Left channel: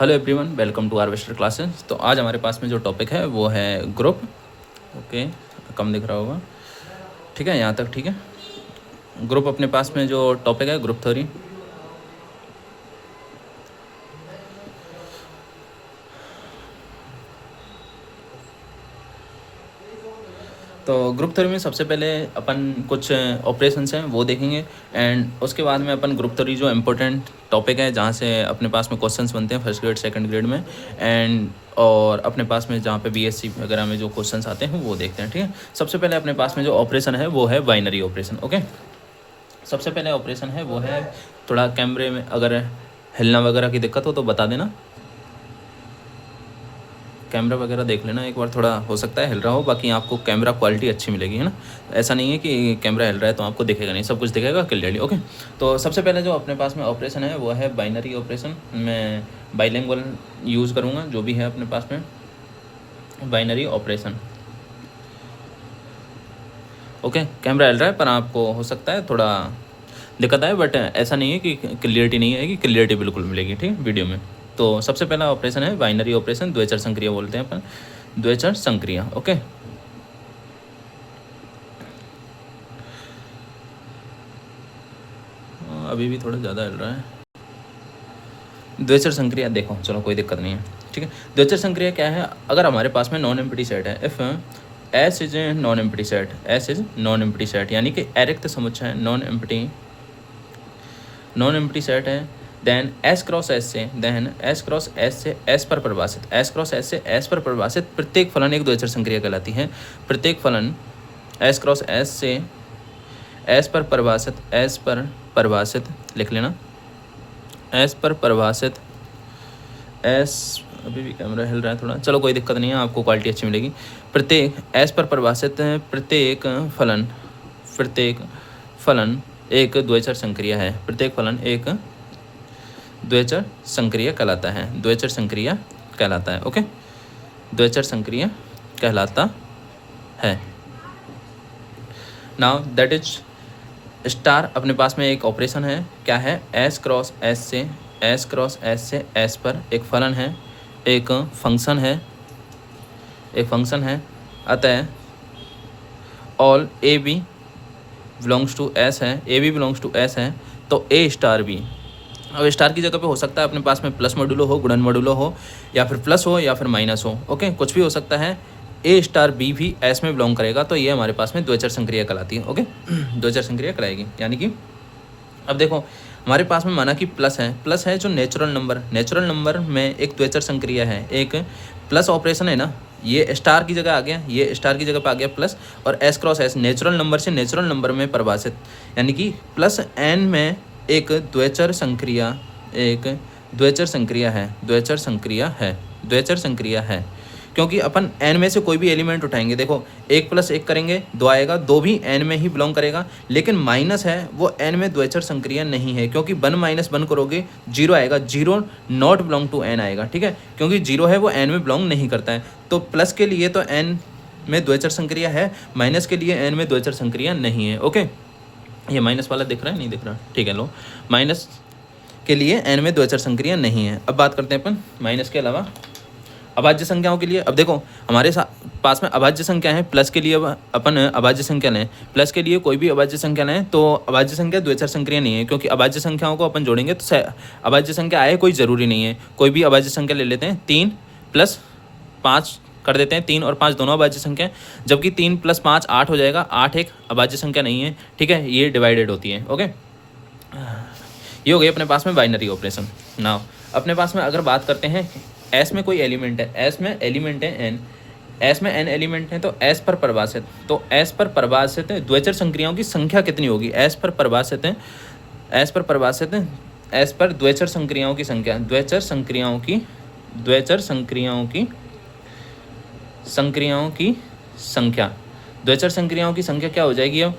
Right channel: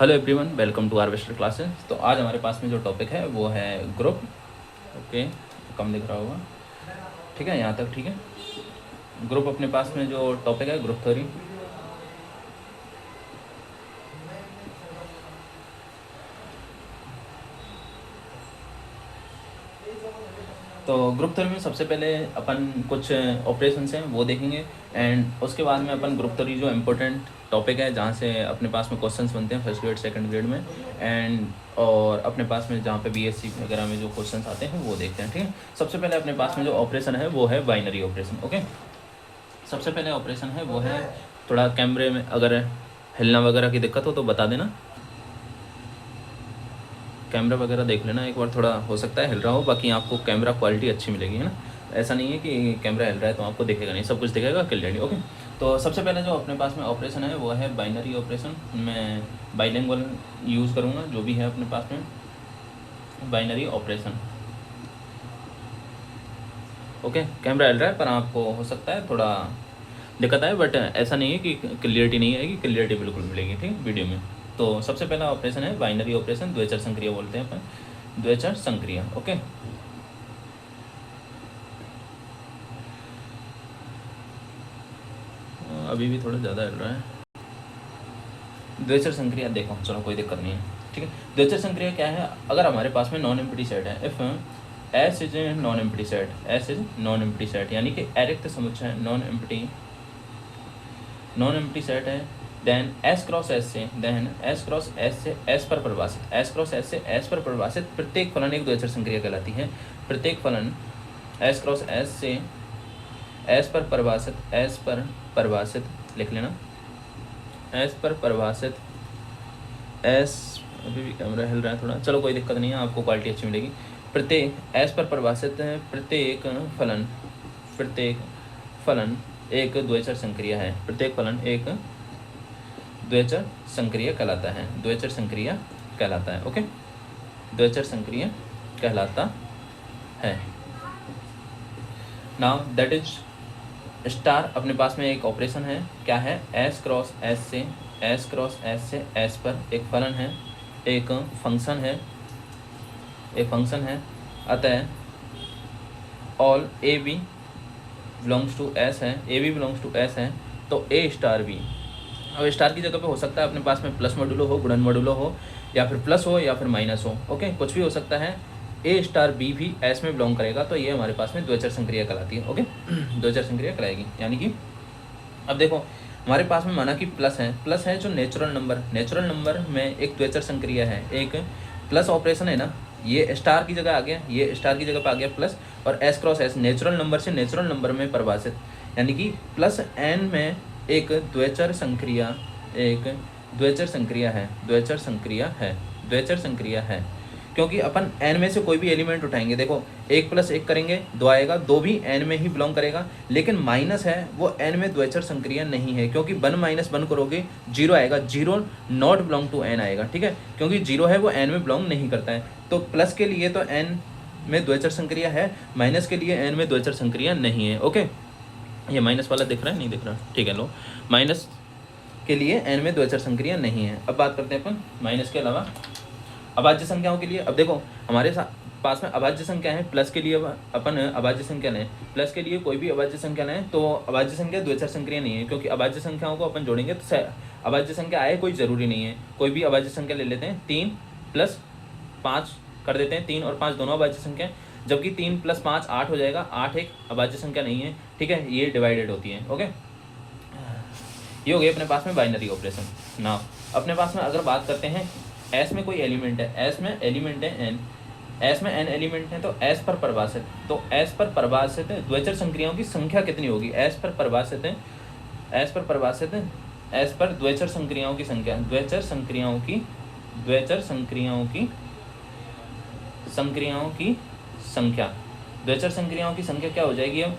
Hello everyone, welcome to Harvester classes. तो आज हमारे पास में जो टॉपिक है वो है ग्रुप। ओके, कम दिख रहा होगा, ठीक है, यहाँ तक ठीक है। ग्रुप अपने पास में जो टॉपिक है ग्रुप थ्योरी। तो ग्रुप थ्योरी में सबसे पहले अपन कुछ ऑपरेशंस हैं वो देखेंगे, एंड उसके बाद में अपन ग्रुप थ्योरी जो इम्पोर्टेंट टॉपिक है जहाँ से अपने पास में क्वेश्चंस बनते हैं फर्स्ट ग्रेड सेकंड ग्रेड में, एंड और अपने पास में जहाँ पे बीएससी वगैरह में जो क्वेश्चंस आते हैं वो देखते हैं, ठीक है। सबसे पहले अपने पास में जो ऑपरेशन है वो है बाइनरी ऑपरेशन। ओके, सबसे पहले ऑपरेशन है वो है, थोड़ा कैमरे में अगर हिलना वगैरह की दिक्कत हो तो बता देना, कैमरा वगैरह देख लेना एक बार, थोड़ा हो सकता है हिल रहा हो, बाकी आपको कैमरा क्वालिटी अच्छी मिलेगी, है ना। ऐसा नहीं है कि कैमरा हिल रहा है तो आपको दिखेगा नहीं, सब कुछ दिखेगा क्लियरली। ओके, तो सबसे पहले जो अपने पास में ऑपरेशन है वो है बाइनरी ऑपरेशन। मैं बाइलिंगुअल यूज़ करूँगा जो भी है अपने पास में बाइनरी ऑपरेशन। ओके, कैमरा हिल रहा है पर आपको हो सकता है थोड़ा दिक्कत आए, बट ऐसा नहीं है कि क्लियरिटी नहीं आएगी, क्लियरिटी बिल्कुल मिलेगी, ठीक वीडियो में। तो सबसे पहला ऑपरेशन है बाइनरी ऑपरेशन, द्विचर संक्रिया बोलते हैं अपन, द्विचर संक्रिया। ओके, अभी भी थोड़ा ज़्यादा हिल रहा है। द्विचर संक्रिया देखो, चलो कोई दिक्कत नहीं है, ठीक है। द्विचर संक्रिया क्या है? अगर हमारे पास में नॉन एम्प्टी सेट है, if S is a non empty set, S is non empty set यानी कि अरिक्त समुच्चय नॉन एम्प्टी सेट है, देन एस क्रॉस एस से, एस पर परिभाषित, एस क्रॉस एस से एस पर परिभाषित प्रत्येक फलन एक द्विचर संक्रिया कहलाती है। प्रत्येक फलन एस क्रॉस एस से एस पर परिभाषित लिख लेना, एस पर परिभाषित, एस, अभी भी कैमरा हिल रहा है थोड़ा, चलो कोई दिक्कत नहीं है, आपको क्वालिटी अच्छी मिलेगी। प्रत्येक एस पर परिभाषित प्रत्येक फलन एक द्विचर संक्रिया है, प्रत्येक फलन एक द्विचर संक्रिया कहलाता है, द्विचर संक्रिया कहलाता है। ओके, द्विचर संक्रिया कहलाता है। नाउ दैट इज स्टार अपने पास में एक ऑपरेशन है, क्या है? एस क्रॉस एस से एस पर एक फलन है, एक फंक्शन है, अतः all A B belongs to S है, A B belongs to S है, तो ए स्टार बी। अब स्टार की जगह पे हो सकता है अपने पास में प्लस मॉड्यूलो हो, गुणन मॉड्यूलो हो, या फिर प्लस हो या फिर माइनस हो। ओके, कुछ भी हो सकता है। ए स्टार बी भी एस में बिलोंग करेगा, तो ये हमारे पास में द्विचर संक्रिया कहलाती है। ओके, द्विचर संक्रिया कहलाएगी, यानी कि अब देखो हमारे पास में माना कि प्लस है जो नेचुरल नंबर में एक द्विचर संक्रिया है, एक प्लस ऑपरेशन है ना, ये स्टार की जगह आ गया, ये स्टार की जगह पे आ गया प्लस, और S cross S natural number से नेचुरल नंबर में परिभाषित, यानी कि प्लस एन में एक द्विचर संक्रिया है, क्योंकि अपन एन में से कोई भी एलिमेंट उठाएंगे, देखो एक प्लस एक करेंगे दो आएगा, दो भी एन में ही बिलोंग करेगा, लेकिन माइनस है वो एन में द्विचर संक्रिया नहीं है, क्योंकि 1 - 1 करोगे 0 आएगा, 0 नॉट बिलोंग टू एन आएगा, ठीक है, क्योंकि 0 है वो एन में बिलोंग नहीं करता है। तो प्लस के लिए तो एन में द्विचर संक्रिया है, माइनस के लिए एन में द्विचर संक्रिया नहीं है। ओके, ये माइनस वाला दिख रहा है, नहीं दिख रहा, ठीक है, लो, माइनस के लिए एन में द्विचर संक्रिया नहीं है। अब बात करते हैं अपन माइनस के अलावा अभाज्य संख्याओं के लिए। अब देखो हमारे पास में अभाज्य संख्या है, प्लस के लिए अपन अभाज्य संख्या लें, प्लस के लिए कोई भी अभाज्य संख्या लें तो अभाज्य संख्या द्विचर संक्रिया नहीं है, क्योंकि अभाज्य संख्याओं को अपन जोड़ेंगे तो अभाज्य संख्या आए कोई ज़रूरी नहीं है, कोई भी अभाज्य संख्या ले लेते हैं, 3 + 5 कर देते हैं, 3 और 5 दोनों अभाज्य संख्या, जबकि 3 + 5 8 हो जाएगा, 8 एक अभाज्य संख्या नहीं है, ठीक है, ये डिवाइडेड होती है। ओके, ये हो गई अपने पास में बाइनरी ऑपरेशन। नाउ अपने पास में अगर बात करते हैं एस में कोई एलिमेंट है, एस में एलिमेंट है एन, एस में एन एलिमेंट है, तो एस पर परिभाषित, तो एस पर परिभाषित द्विचर संक्रियाओं की संख्या कितनी होगी? एस पर परिभाषित एस पर द्विचर संक्रियाओं की संख्या, द्विचर संक्रियाओं की संख्या क्या हो जाएगी? अब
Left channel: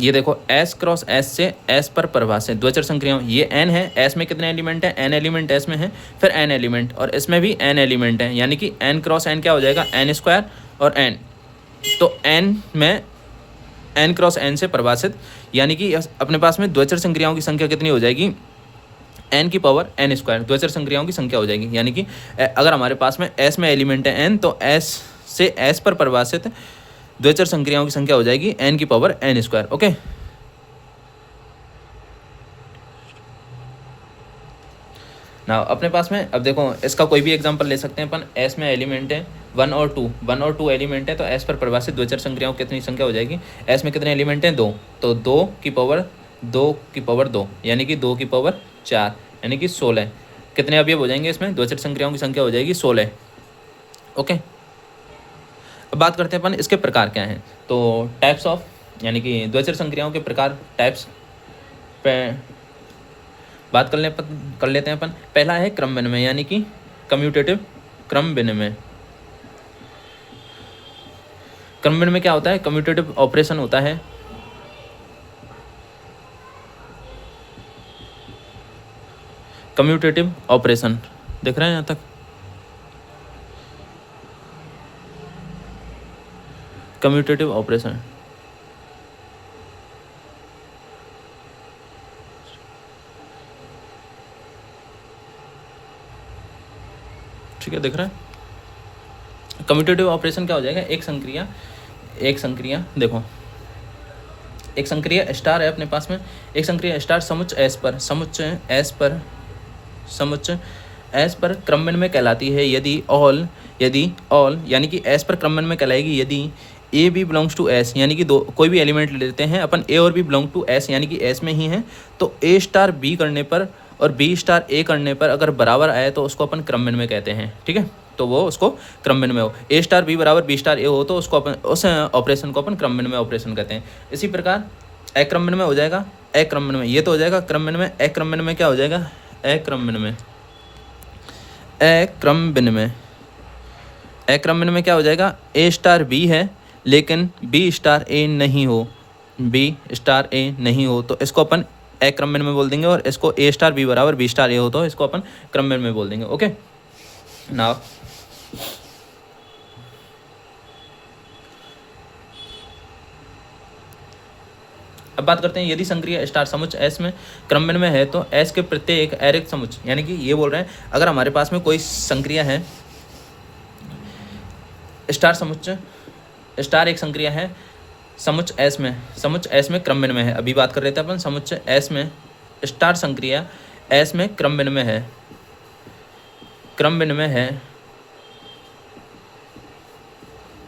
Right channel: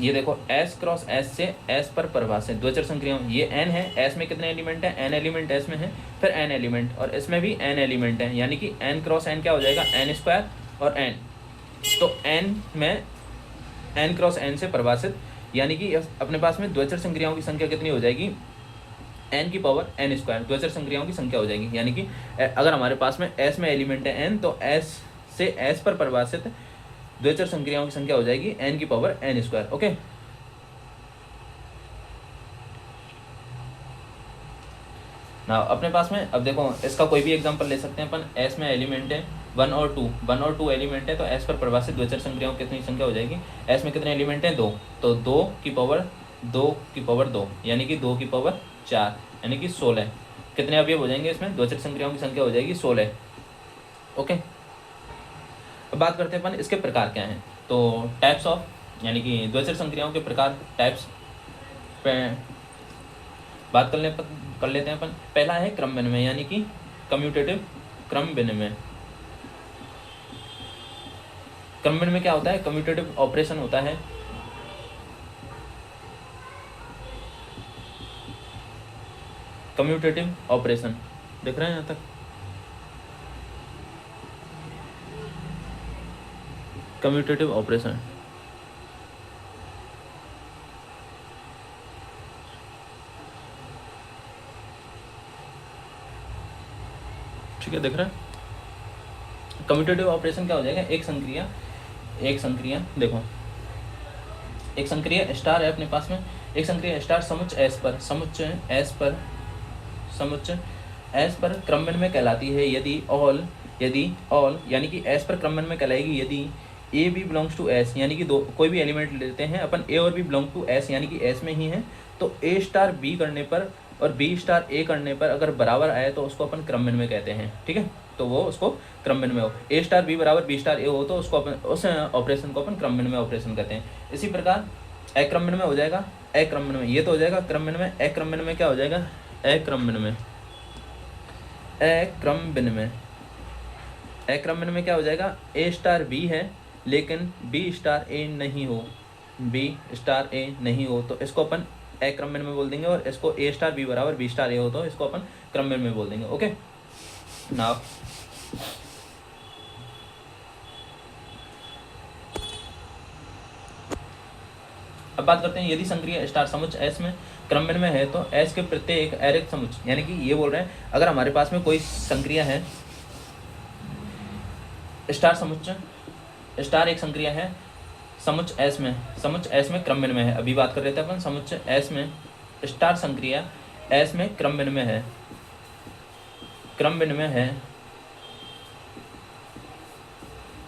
ये देखो एस क्रॉस एस से एस पर परिभाषित द्विचर संक्रियाओं, ये एन है, एस में कितने एलिमेंट है? एन एलिमेंट एस में है, फिर एन एलिमेंट, और इसमें भी एन एलिमेंट है, यानी कि एन क्रॉस एन क्या हो जाएगा? एन स्क्वायर और एन, तो एन में एन क्रॉस एन से परिभाषित, यानी कि अपने पास में द्विचर संक्रियाओं की संख्या कितनी हो जाएगी? एन की पावर एन स्क्वायर द्विचर संक्रियाओं की संख्या हो जाएगी। यानी कि अगर हमारे पास में एस में एलिमेंट है एन, तो एस से एस पर परिभाषित द्विचर संक्रियाओं की संख्या हो जाएगी एन की पावर एन स्क्वायर। ओके, ना अपने पास में अब देखो इसका कोई भी एग्जांपल ले सकते हैं अपन। एस में एलिमेंट है 1 और 2 एलिमेंट है, तो एस पर परिभाषित द्विचर संक्रियाओं कितनी संख्या हो जाएगी। एस में कितने एलिमेंट हैं 2, तो 2 की पावर 2 यानी कि 2 की पावर 4 यानी कि 16। कितने अवयव हो जाएंगे इसमें, द्विचर संक्रियाओं की संख्या हो जाएगी 16। ओके, अब बात करते हैं अपन इसके प्रकार क्या हैं। तो टाइप्स ऑफ, यानी कि द्विचर संक्रियाओं के प्रकार, टाइप्स पे बात कर लेते हैं अपन। पहला है क्रम विनिमय, यानी कि कम्यूटेटिव क्रम विनिमय। क्रम विनिमय क्या होता है, कम्यूटेटिव ऑपरेशन होता है। कम्यूटेटिव ऑपरेशन देख रहे हैं यहाँ तक। कम्यूटेटिव ऑपरेशन ठीक है, दिख रहा है। कम्यूटेटिव ऑपरेशन क्या हो जाएगा, एक संक्रिया देखो, एक संक्रिया स्टार है अपने पास में, एक संक्रिया स्टार समुच्चय एस पर क्रम विनिमय कहलाती है यदि ऑल यानी कि एस पर क्रम विनिमय कहलाएगी यदि A B belongs to S, यानी कि कोई भी एलिमेंट लेते हैं अपन, ए और बी बिलोंग टू एस यानी कि एस में ही है, तो ए स्टार बी करने पर और बी स्टार ए करने पर अगर बराबर आए तो उसको अपन क्रम विनिमय कहते हैं। ठीक है, तो वो उसको क्रम विनिमय हो, ए स्टार बी बराबर बी स्टार ए हो तो उसको अपन उस ऑपरेशन को अपन क्रम विनिमय ऑपरेशन कहते हैं। इसी प्रकार अक्रम विनिमय हो जाएगा, अक्रम विनिमय ये तो हो जाएगा क्रम विनिमय। अक्रम विनिमय क्या हो जाएगा, अक्रम विनिमय क्या हो जाएगा, ए स्टार बी है लेकिन बी स्टार ए नहीं हो, तो इसको अपन अक्रम विनिमय बोल देंगे, और इसको ए स्टार बी बराबर बी स्टार ए हो तो इसको अपन क्रम विनिमय बोल देंगे। ओके, नाउ अब बात करते हैं, यदि संक्रिया स्टार समुच्चय एस में क्रम विनिमय है तो एस के प्रत्येक अरिक्त समुच्चय, यानी कि ये बोल रहे हैं अगर हमारे पास में कोई संक्रिया है स्टार समुच्चय, स्टार एक संक्रिया है समुच्चय एस में क्रम विनिमय है। अभी बात कर रहे थे अपन समुच्चय एस में स्टार संक्रिया एस में क्रम विनिमय है,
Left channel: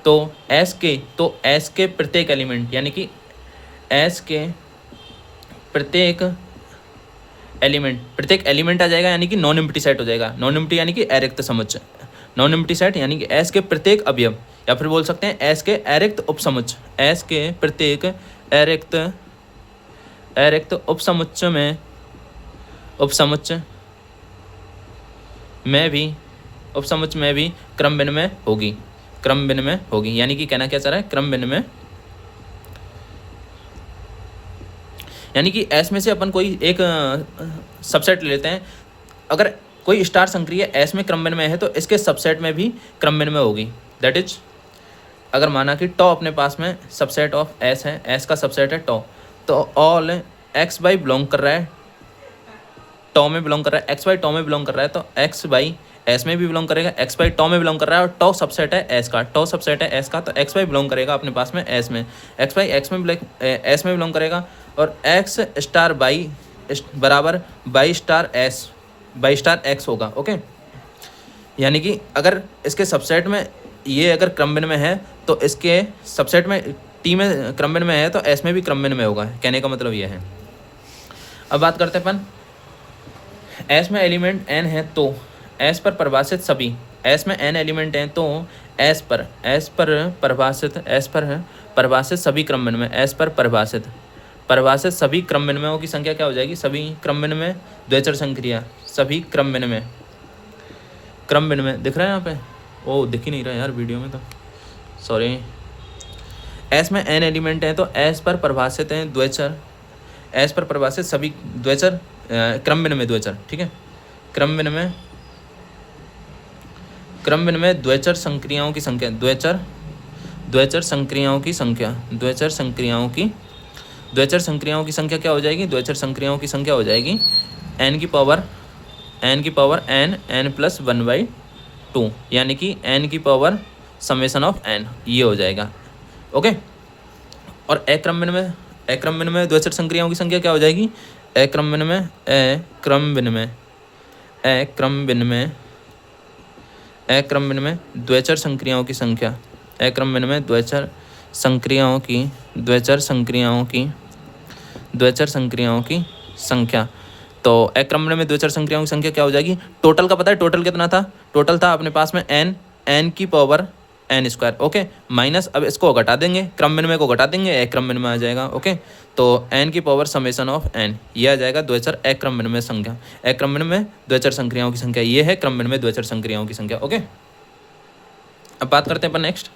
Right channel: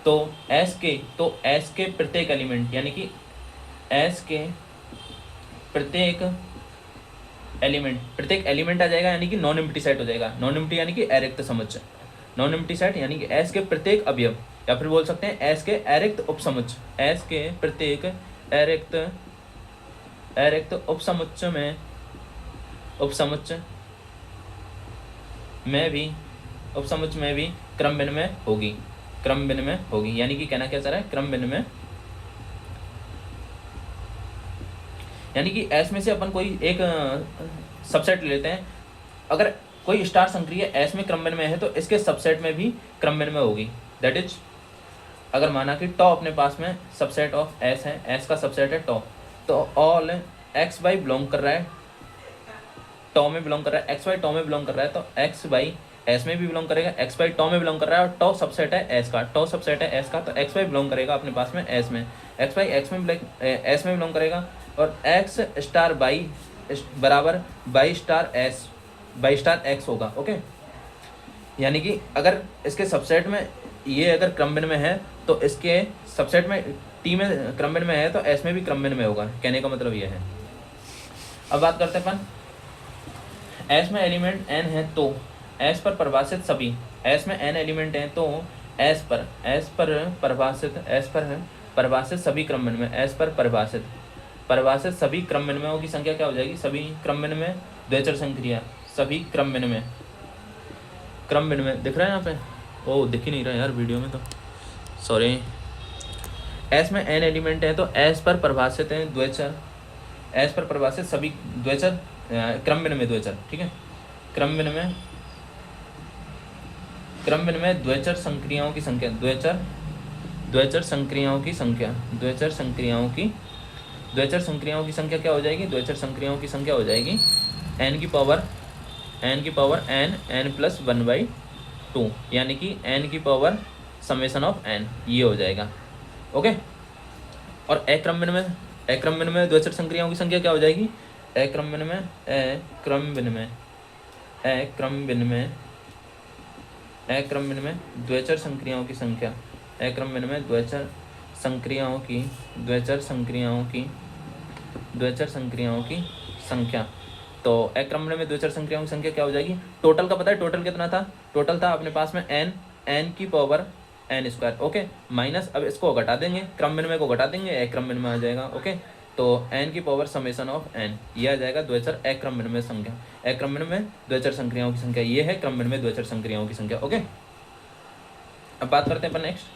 तो एस के प्रत्येक एलिमेंट, यानी कि एस के प्रत्येक एलिमेंट आ जाएगा, यानी कि नॉन एम्प्टी सेट हो जाएगा। नॉन एम्प्टी यानी कि अरिक्त समुच्चय, नॉन एम्प्टी सेट यानी कि एस के प्रत्येक अवयव, या फिर बोल सकते हैं एस के अरिक्त उपसमुच्चय, एस के प्रत्येक अरिक्त उपसमुच्चय में भी क्रम विनिमय होगी, यानी कि कहना क्या चाह रहा है, क्रम विनिमय यानी कि एस में से अपन कोई एक सबसेट ले लेते हैं। अगर कोई स्टार संक्रिया एस में क्रम विनिमय है तो इसके सबसेट में भी क्रम विनिमय होगी। दैट इज, अगर माना कि टॉ अपने पास में सबसेट ऑफ एस है, एस का सबसेट है टॉ, तो ऑल एक्स बाई बिलोंग कर रहा है टॉ में बिलोंग कर रहा है, एक्स बाई टॉ में बिलोंग कर रहा है, तो एक्स बाई एस में भी बिलोंग करेगा, एक्स बाई टॉ में बिलोंग कर रहा है, और टॉ सबसेट है एस का, तो एक्स बाई बिलोंग करेगा अपने पास में एस में, एक्स बाई एस में बिलोंग करेगा, और एक्स स्टार बाई बराबर बाई स्टार एक्स होगा। ओके, यानी कि अगर इसके सबसेट में ये अगर क्रम विनिमय है तो इसके सबसेट में टी में क्रम विनिमय है तो एस में भी क्रम विनिमय होगा, कहने का मतलब ये है। अब बात करते हैं अपन, एस में एलिमेंट एन है तो एस पर परिभाषित सभी, एस में एन एलिमेंट हैं तो एस पर परिभाषित सभी क्रम विनिमय, एस पर परिभाषित सभी क्रम विनिमयों की संख्या क्या हो जाएगी, सभी क्रम विनिमय द्विचर संक्रिया, सभी क्रम विनिमय दिख रहा है यहाँ पे, ओ दिख ही नहीं रहा यार वीडियो में, तो सॉरी। एस में एन एलिमेंट है तो एस पर परिभाषित हैं द्विचर, एस पर परिभाषित सभी द्विचर क्रम विनिमय द्विचर, ठीक है, क्रम विनिमय द्विचर संक्रियाओं की संख्या, द्विचर संक्रियाओं की संख्या क्या हो जाएगी, द्विचर संक्रियाओं की संख्या हो जाएगी n की पावर n+1/2, यानी कि n की पावर समेशन ऑफ n, ये हो जाएगा। ओके, और अक्रम विनिमय द्वैचर संक्रियाओं की संख्या क्या हो जाएगी? अक्रम विनिमय द्वैचर संक्रियाओं की संख्या, अक्रम विनिमय द्वैचर संक्रियाओं की संख्या। तो अक्रम विनिमय द्वैचर संक्रियाओं की संख्या क्या हो जाएगी? टोटल का पता है, टोटल कितना था? टोटल था अपने पास में n की पावर n²। ओके, माइनस, अब इसको घटा देंगे, क्रम विनिमय को घटा देंगे, अक्रम विनिमय आ जाएगा। ओके, तो n की पावर समेशन ऑफ n, ये आ जाएगा द्वैचर अक्रम विनिमय संख्या, अक्रम विनिमय द्वैचर संक्रियाओं की संख्या, ये है क्रम विनिमय द्वैचर संक्रियाओं की संख्या। ओके, अब बात करते हैं अपन नेक्स्ट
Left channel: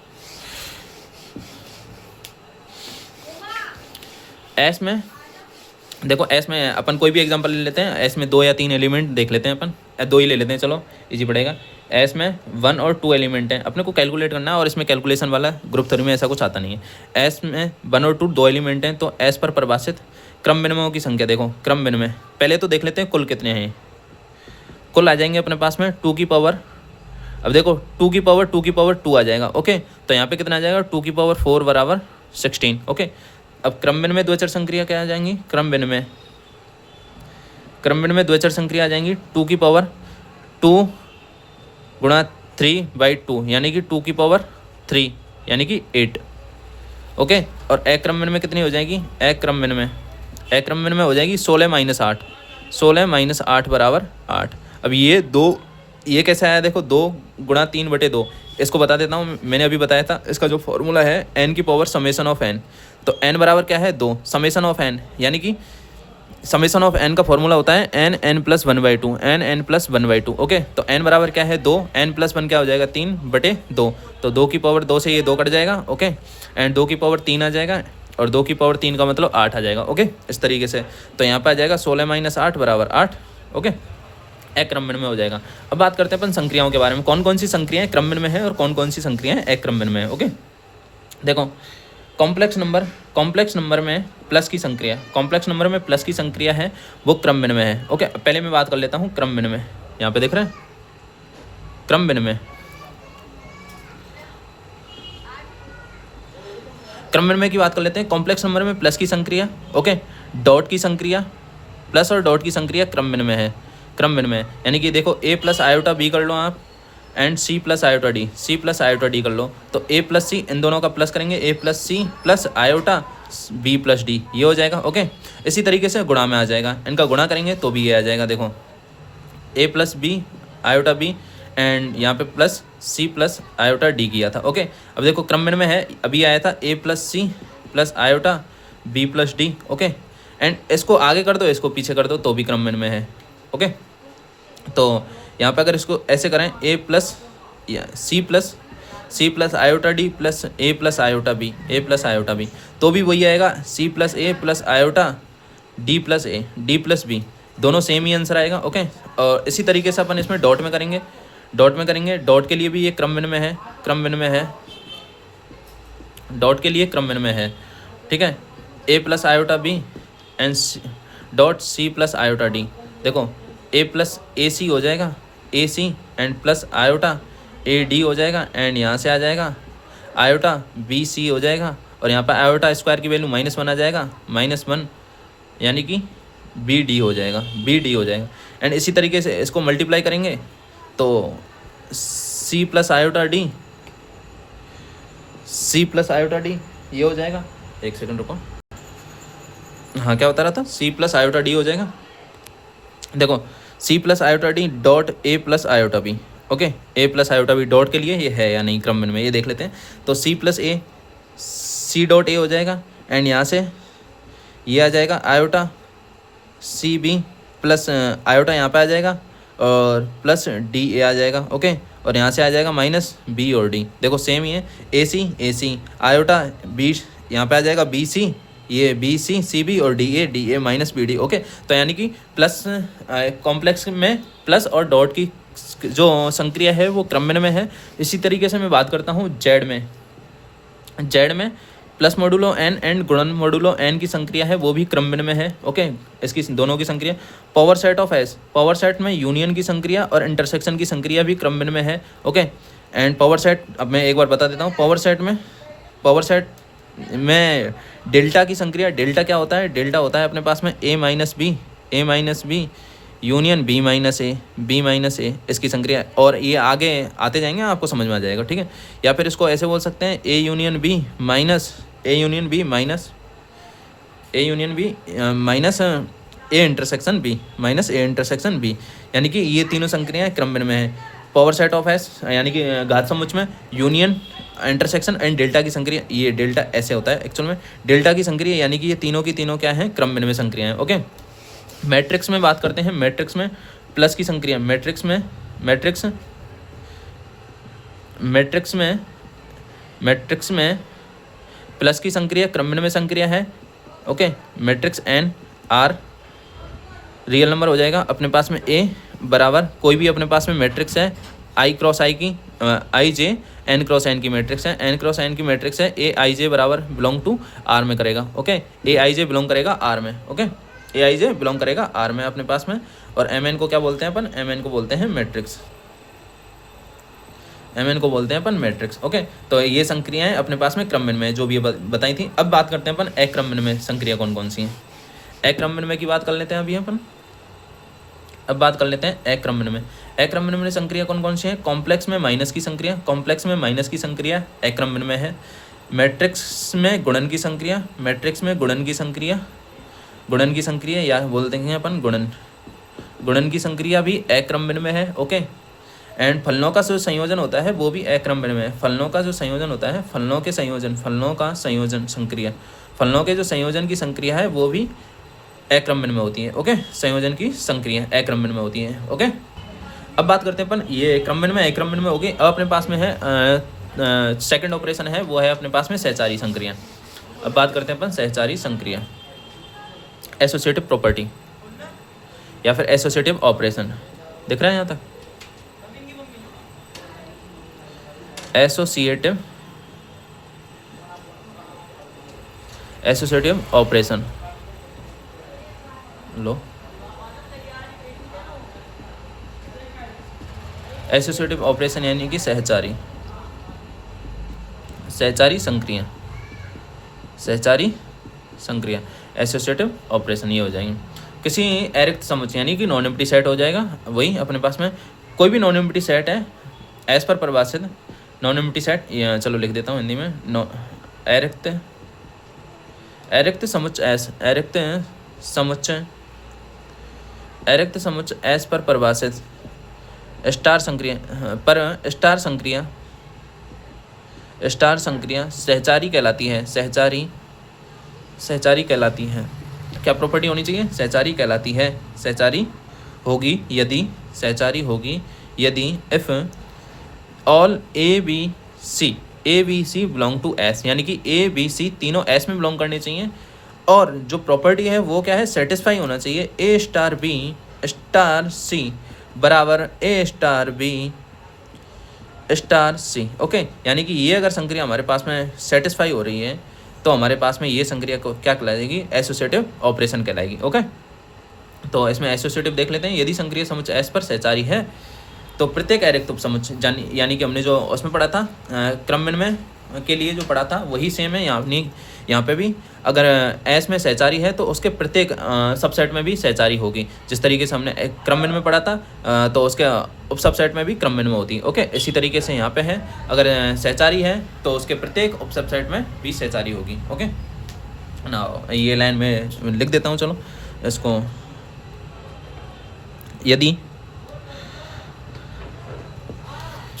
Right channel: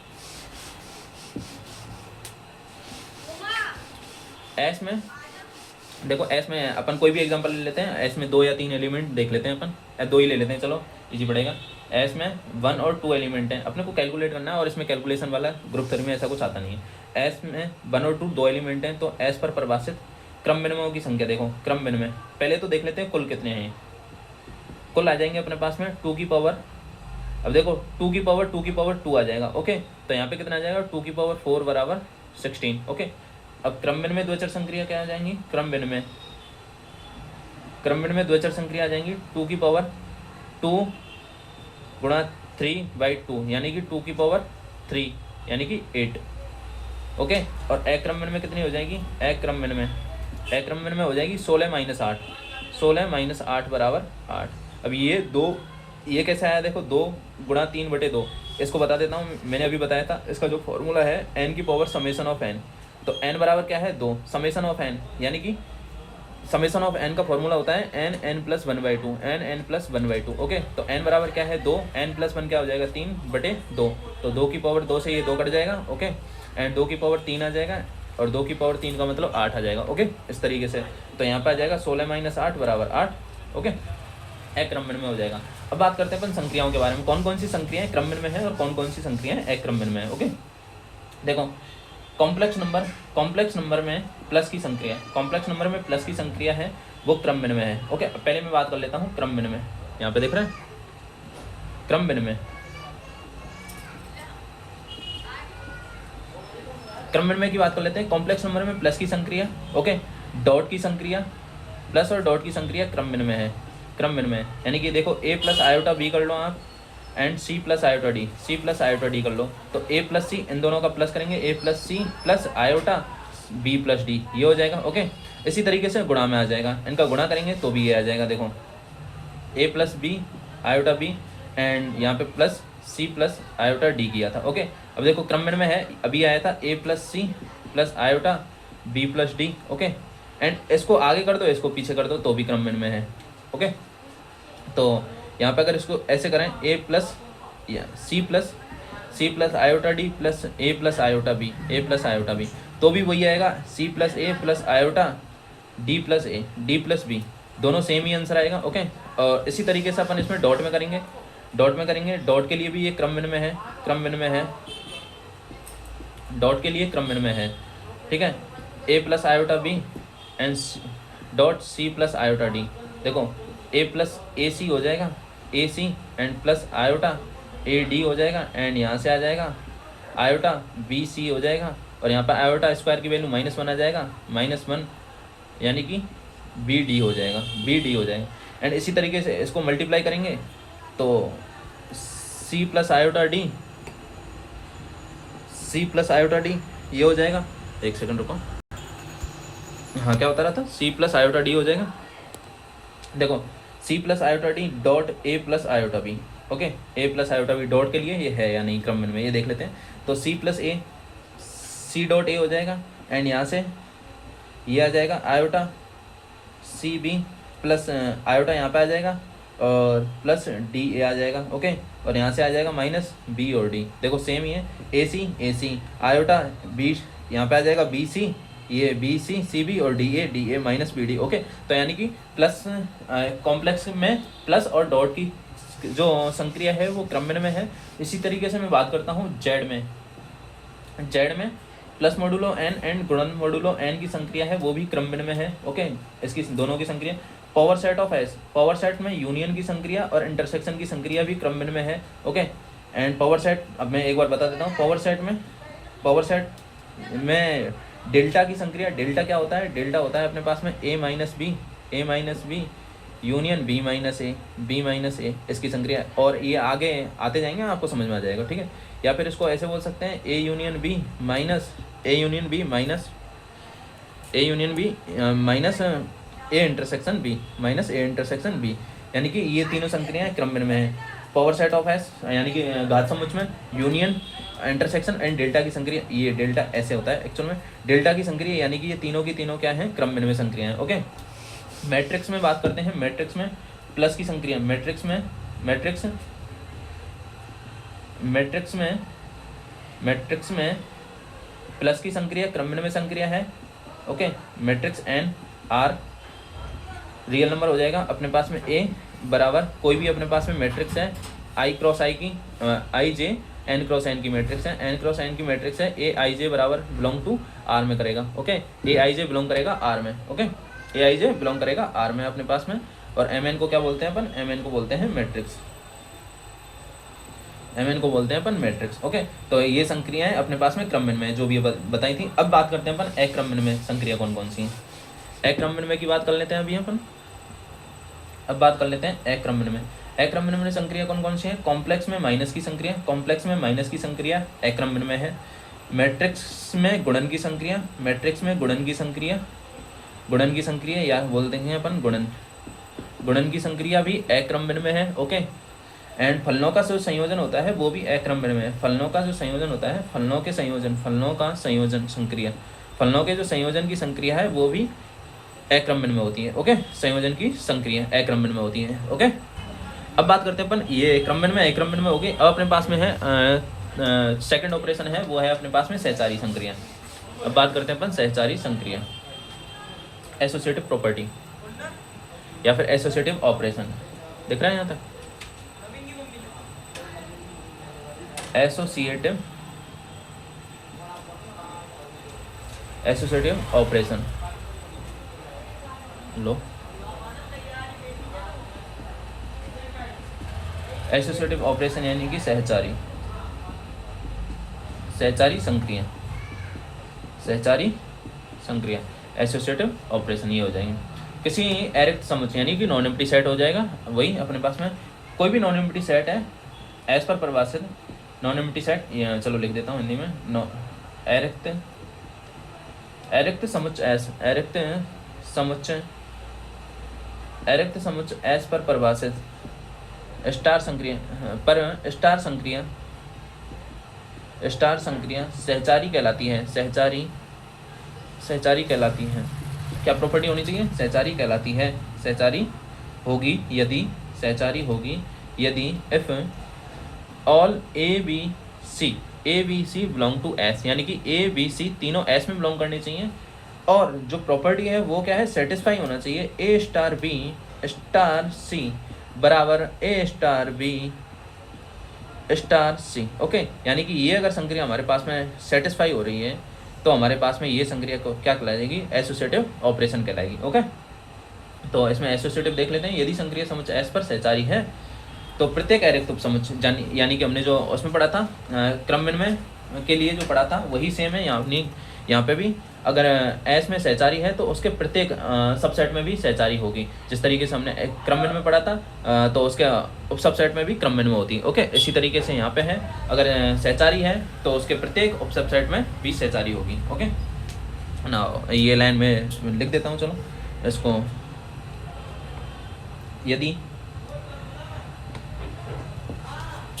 एस में। देखो एस में अपन कोई भी एग्जांपल ले लेते हैं, एस में 2 या 3 एलिमेंट देख लेते हैं अपन, 2 ही ले लेते हैं, चलो इजी पड़ेगा। एस में 1 और 2 एलिमेंट हैं, अपने को कैलकुलेट करना है, और इसमें कैलकुलेशन वाला ग्रुप थ्योरी में ऐसा कुछ आता नहीं है। एस में 1 और 2 एलिमेंट हैं, तो एस पर परिभाषित क्रम विनिमयों की संख्या। देखो क्रम विनिमय पहले तो देख लेते हैं कुल कितने हैं। कुल आ जाएंगे अपने पास में 2 की पावर, अब देखो 2 की पावर 2 आ जाएगा। ओके, तो यहाँ पे कितना आ जाएगा? 2 की पावर 4 बराबर 16। ओके, अब क्रम विनिमय द्वैचर संक्रिया क्या आ जाएंगी? क्रम विनिमय द्वैचर संक्रिया आ जाएंगी 2 की पावर 2 गुणा 3/2, यानी कि 2 की पावर 3, यानी कि 8। ओके, और अक्रम विनिमय कितनी हो जाएगी? अक्रम विनिमय हो जाएगी 16 - 8 बराबर 8। अब ये कैसे आया? देखो 2 गुणा 3/2, इसको बता देता हूँ, मैंने अभी बताया था, इसका जो फॉर्मूला है n की पावर समेशन ऑफ n, तो n बराबर क्या है? 2 समेशन ऑफ n, यानी कि समेशन ऑफ n का फॉर्मूला होता है n+1/2। ओके, तो n बराबर क्या है? 2, n+1 क्या हो जाएगा? 3/2, तो 2 की पावर 2 से ये 2 कट जाएगा। ओके, एंड 2 की पावर 3 आ जाएगा, और 2 की पावर 3 का मतलब 8 आ जाएगा। ओके, इस तरीके से, तो यहाँ पर आ जाएगा 16 - 8 बराबर 8। ओके, अक्रम विनिमय हो जाएगा। अब बात करते हैं अपन संक्रियाओं के बारे में, कौन कौन सी संक्रियाएं क्रम विनिमय है और कौन कौन सी संक्रियाएं अक्रम विनिमय है। ओके, देखो कॉम्प्लेक्स नंबर में प्लस की संक्रिया है, वो क्रम विनिमय है। ओके, पहले मैं बात कर लेता हूँ क्रम विनिमय, यहाँ पे देख रहे हैं क्रम विनिमय की बात कर लेते हैं। कॉम्प्लेक्स नंबर में प्लस की संक्रिया, ओके, डॉट की संक्रिया, प्लस और डॉट की संक्रिया क्रम विनिमय, यानी कि देखो a + आयोटा b कर लो आप, एंड c + आयोटा d कर लो, तो a + c इन दोनों का प्लस करेंगे, a + c + iota b + d, ये हो जाएगा। ओके, इसी तरीके से गुणा में आ जाएगा, इनका गुणा करेंगे तो भी ये आ जाएगा। देखो a + b iota b, and यहाँ पे प्लस c + आयोटा d किया था। ओके, अब देखो क्रम विनिमय है, अभी आया था a + c + iota b + d। Okay, and इसको आगे कर दो, इसको पीछे कर दो, तो भी क्रम विनिमय है। ओके, तो यहाँ पे अगर इसको ऐसे करें a + c + iota d + a + iota b, तो भी वही आएगा, c + a + iota d + b, दोनों सेम ही आंसर आएगा। ओके, और इसी तरीके से अपन इसमें डॉट में करेंगे, डॉट के लिए भी ये क्रम विनिमय है, डॉट के लिए क्रम विनिमय है। ठीक है, a + iota b and dot c + iota d, देखो a + ac हो जाएगा, ac and plus iota ad हो जाएगा, एंड यहाँ से आ जाएगा आयोटा bc हो जाएगा, और यहाँ पर आयोटा स्क्वायर की वैल्यू -1 आ जाएगा, -1, यानी कि bd हो जाएगा, एंड इसी तरीके से इसको मल्टीप्लाई करेंगे तो c + आयोटा d ये हो जाएगा। एक सेकंड रुको, हाँ क्या बता रहा था? c + आयोटा d हो जाएगा। देखो c + iota d dot a + iota b, okay, a + iota b dot के लिए ये है या नहीं क्रम विनिमय, ये देख लेते हैं। तो c + a, c.a हो जाएगा, एंड यहाँ से ये आ जाएगा आयोटा cb प्लस आयोटा यहाँ पे आ जाएगा, और प्लस da आ जाएगा। ओके, और यहाँ से आ जाएगा -b और d, देखो सेम ही है, ac आयोटा b यहाँ पे आ जाएगा bc, ये bc cb और da -bd। ओके, तो यानी कि प्लस कॉम्प्लेक्स में प्लस और डॉट की जो संक्रिया है वो क्रम विनिमय है। इसी तरीके से मैं बात करता हूँ जेड में प्लस मॉडुलो एन एंड गुणन मॉडुलो एन की संक्रिया है वो भी क्रमबिन में है। ओके, इसकी दोनों की संक्रिया। Power set of S, power set में यूनियन की संक्रिया और इंटरसेक्शन की संक्रिया भी क्रमबिन में है। ओके, एंड पावर सेट, अब मैं एक बार बता देता हूँ, पावर सेट में डेल्टा की संक्रिया, डेल्टा क्या होता है, डेल्टा होता है अपने पास में A minus B union B minus A, इसकी संक्रिया। और ये आगे आते जाएंगे आपको समझ में आ जाएगा, ठीक है। या फिर इसको ऐसे बोल सकते हैं A union B minus A intersection B, यानी कि ये तीनों संक्रियाएं क्रमबिन में है। पावर सेट ऑफ एस यानी कि घात समुच्च में यूनियन, इंटरसेक्शन एंड डेल्टा की संक्रिया, ये डेल्टा ऐसे होता है एक्चुअल में, डेल्टा की संक्रिया, यानी कि ये तीनों की तीनों क्या है, क्रमबिन में संक्रिया है। ओके, मैट्रिक्स में बात करते हैं। मैट्रिक्स में प्लस की संक्रिया, मैट्रिक्स में प्लस की संक्रिया क्रमबिन में संक्रिया है। Okay, matrix N R real number हो जाएगा अपने पास में। ए बराबर कोई भी अपने पास में मैट्रिक्स है, आई क्रॉस आई की आई जे एन क्रॉस एन की मैट्रिक्स है, एन क्रॉस एन की मैट्रिक्स है, ए आई जे बराबर बिलोंग टू आर में करेगा। ओके, ए आई जे बिलोंग करेगा आर में। ओके, ए आई जे बिलोंग करेगा आर में अपने पास में। और एम एन को क्या बोलते हैं अपन, एम एन को बोलते हैं मैट्रिक्स। ओके, तो ये संक्रियाएं अपने पास में क्रमबिन में जो भी बताई थी। अब बात करते हैं अपन अक्रमबिन में संक्रिया कौन कौन सी हैं। अक्रमबिन में की बात कर लेते हैं अभी अपन। अब बात कर लेते हैं अक्रमबिन में संक्रिया कौन कौन सी है। कॉम्प्लेक्स में माइनस की संक्रिया अक्रमबिन में है। मैट्रिक्स में गुणन की संक्रिया या बोलते हैं अपन गुणन की संक्रिया भी अक्रमबिन में है। ओके, एंड फलनों का जो संयोजन होता है वो भी अक्रमबिन में है। फलनों का जो संयोजन होता है, फलनों के जो संयोजन की संक्रिया है वो भी अक्रमबिन में होती है। ओके, संयोजन की संक्रिया अक्रमबिन में होती है। ओके, अब बात करते हैं अपन, ये अक्रमबिन में होगी। अब अपने पास में है सेकंड ऑपरेशन है, वो है अपने पास में सहचारी संक्रिया। अब बात करते हैं अपन सहचारी संक्रिया, एसोसिएटिव प्रॉपर्टी या फिर एसोसिएटिव ऑपरेशन। दिख रहा है यहाँ तक, एसोसिएटिव ऑपरेशन लो, एसोसिएटिव ऑपरेशन यानी कि सहचारी संक्रिया एसोसिएटिव ऑपरेशन ये हो जाएंगे। किसी अरिक्त समुच्चय यानी कि नॉन एम्प्टी सेट हो जाएगा, वही अपने पास में कोई भी नॉन एम्प्टी सेट है एस पर परिभाषित नॉन एम्प्टी सेट, चलो लिख देता हूँ हिंदी में, अरिक्त समुच्चय एस पर परिभाषित स्टार संक्रिया सहचारी कहलाती है। क्या प्रॉपर्टी होनी चाहिए, सहचारी कहलाती है। सहचारी होगी यदि if all A B C belong to S, यानी कि ए बी सी तीनों एस में बिलोंग करने चाहिए। और जो प्रॉपर्टी है वो क्या है, सेटिस्फाई होना चाहिए। ए स्टार बी स्टार सी बराबर ए star B star c. Okay, यानी कि ये अगर संक्रिया हमारे पास में सेटिस्फाई हो रही है तो हमारे पास में ये संक्रिया को क्या कहलाएगी, एसोसिएटिव ऑपरेशन कहलाएगी। ओके, तो इसमें एसोसिएटिव देख लेते हैं। यदि संक्रिया समुच्चय एस पर सहचारी है तो प्रत्येक अरिक्त उपसमुच्चय, यानी कि हमने जो उसमें पढ़ा था क्रमबिन में के लिए जो पढ़ा था वही सेम है यहाँ पे भी। अगर एस में सहचारी है तो उसके प्रत्येक सबसेट में भी सहचारी होगी। जिस तरीके से हमने क्रमबिन में पढ़ा था तो उसके उप सबसेट में भी क्रमबिन में होती है। ओके, इसी तरीके से यहाँ पे है, अगर सहचारी है तो उसके प्रत्येक उप सबसेट में भी सहचारी होगी। ओके ना, ये लाइन में लिख देता हूँ, चलो इसको।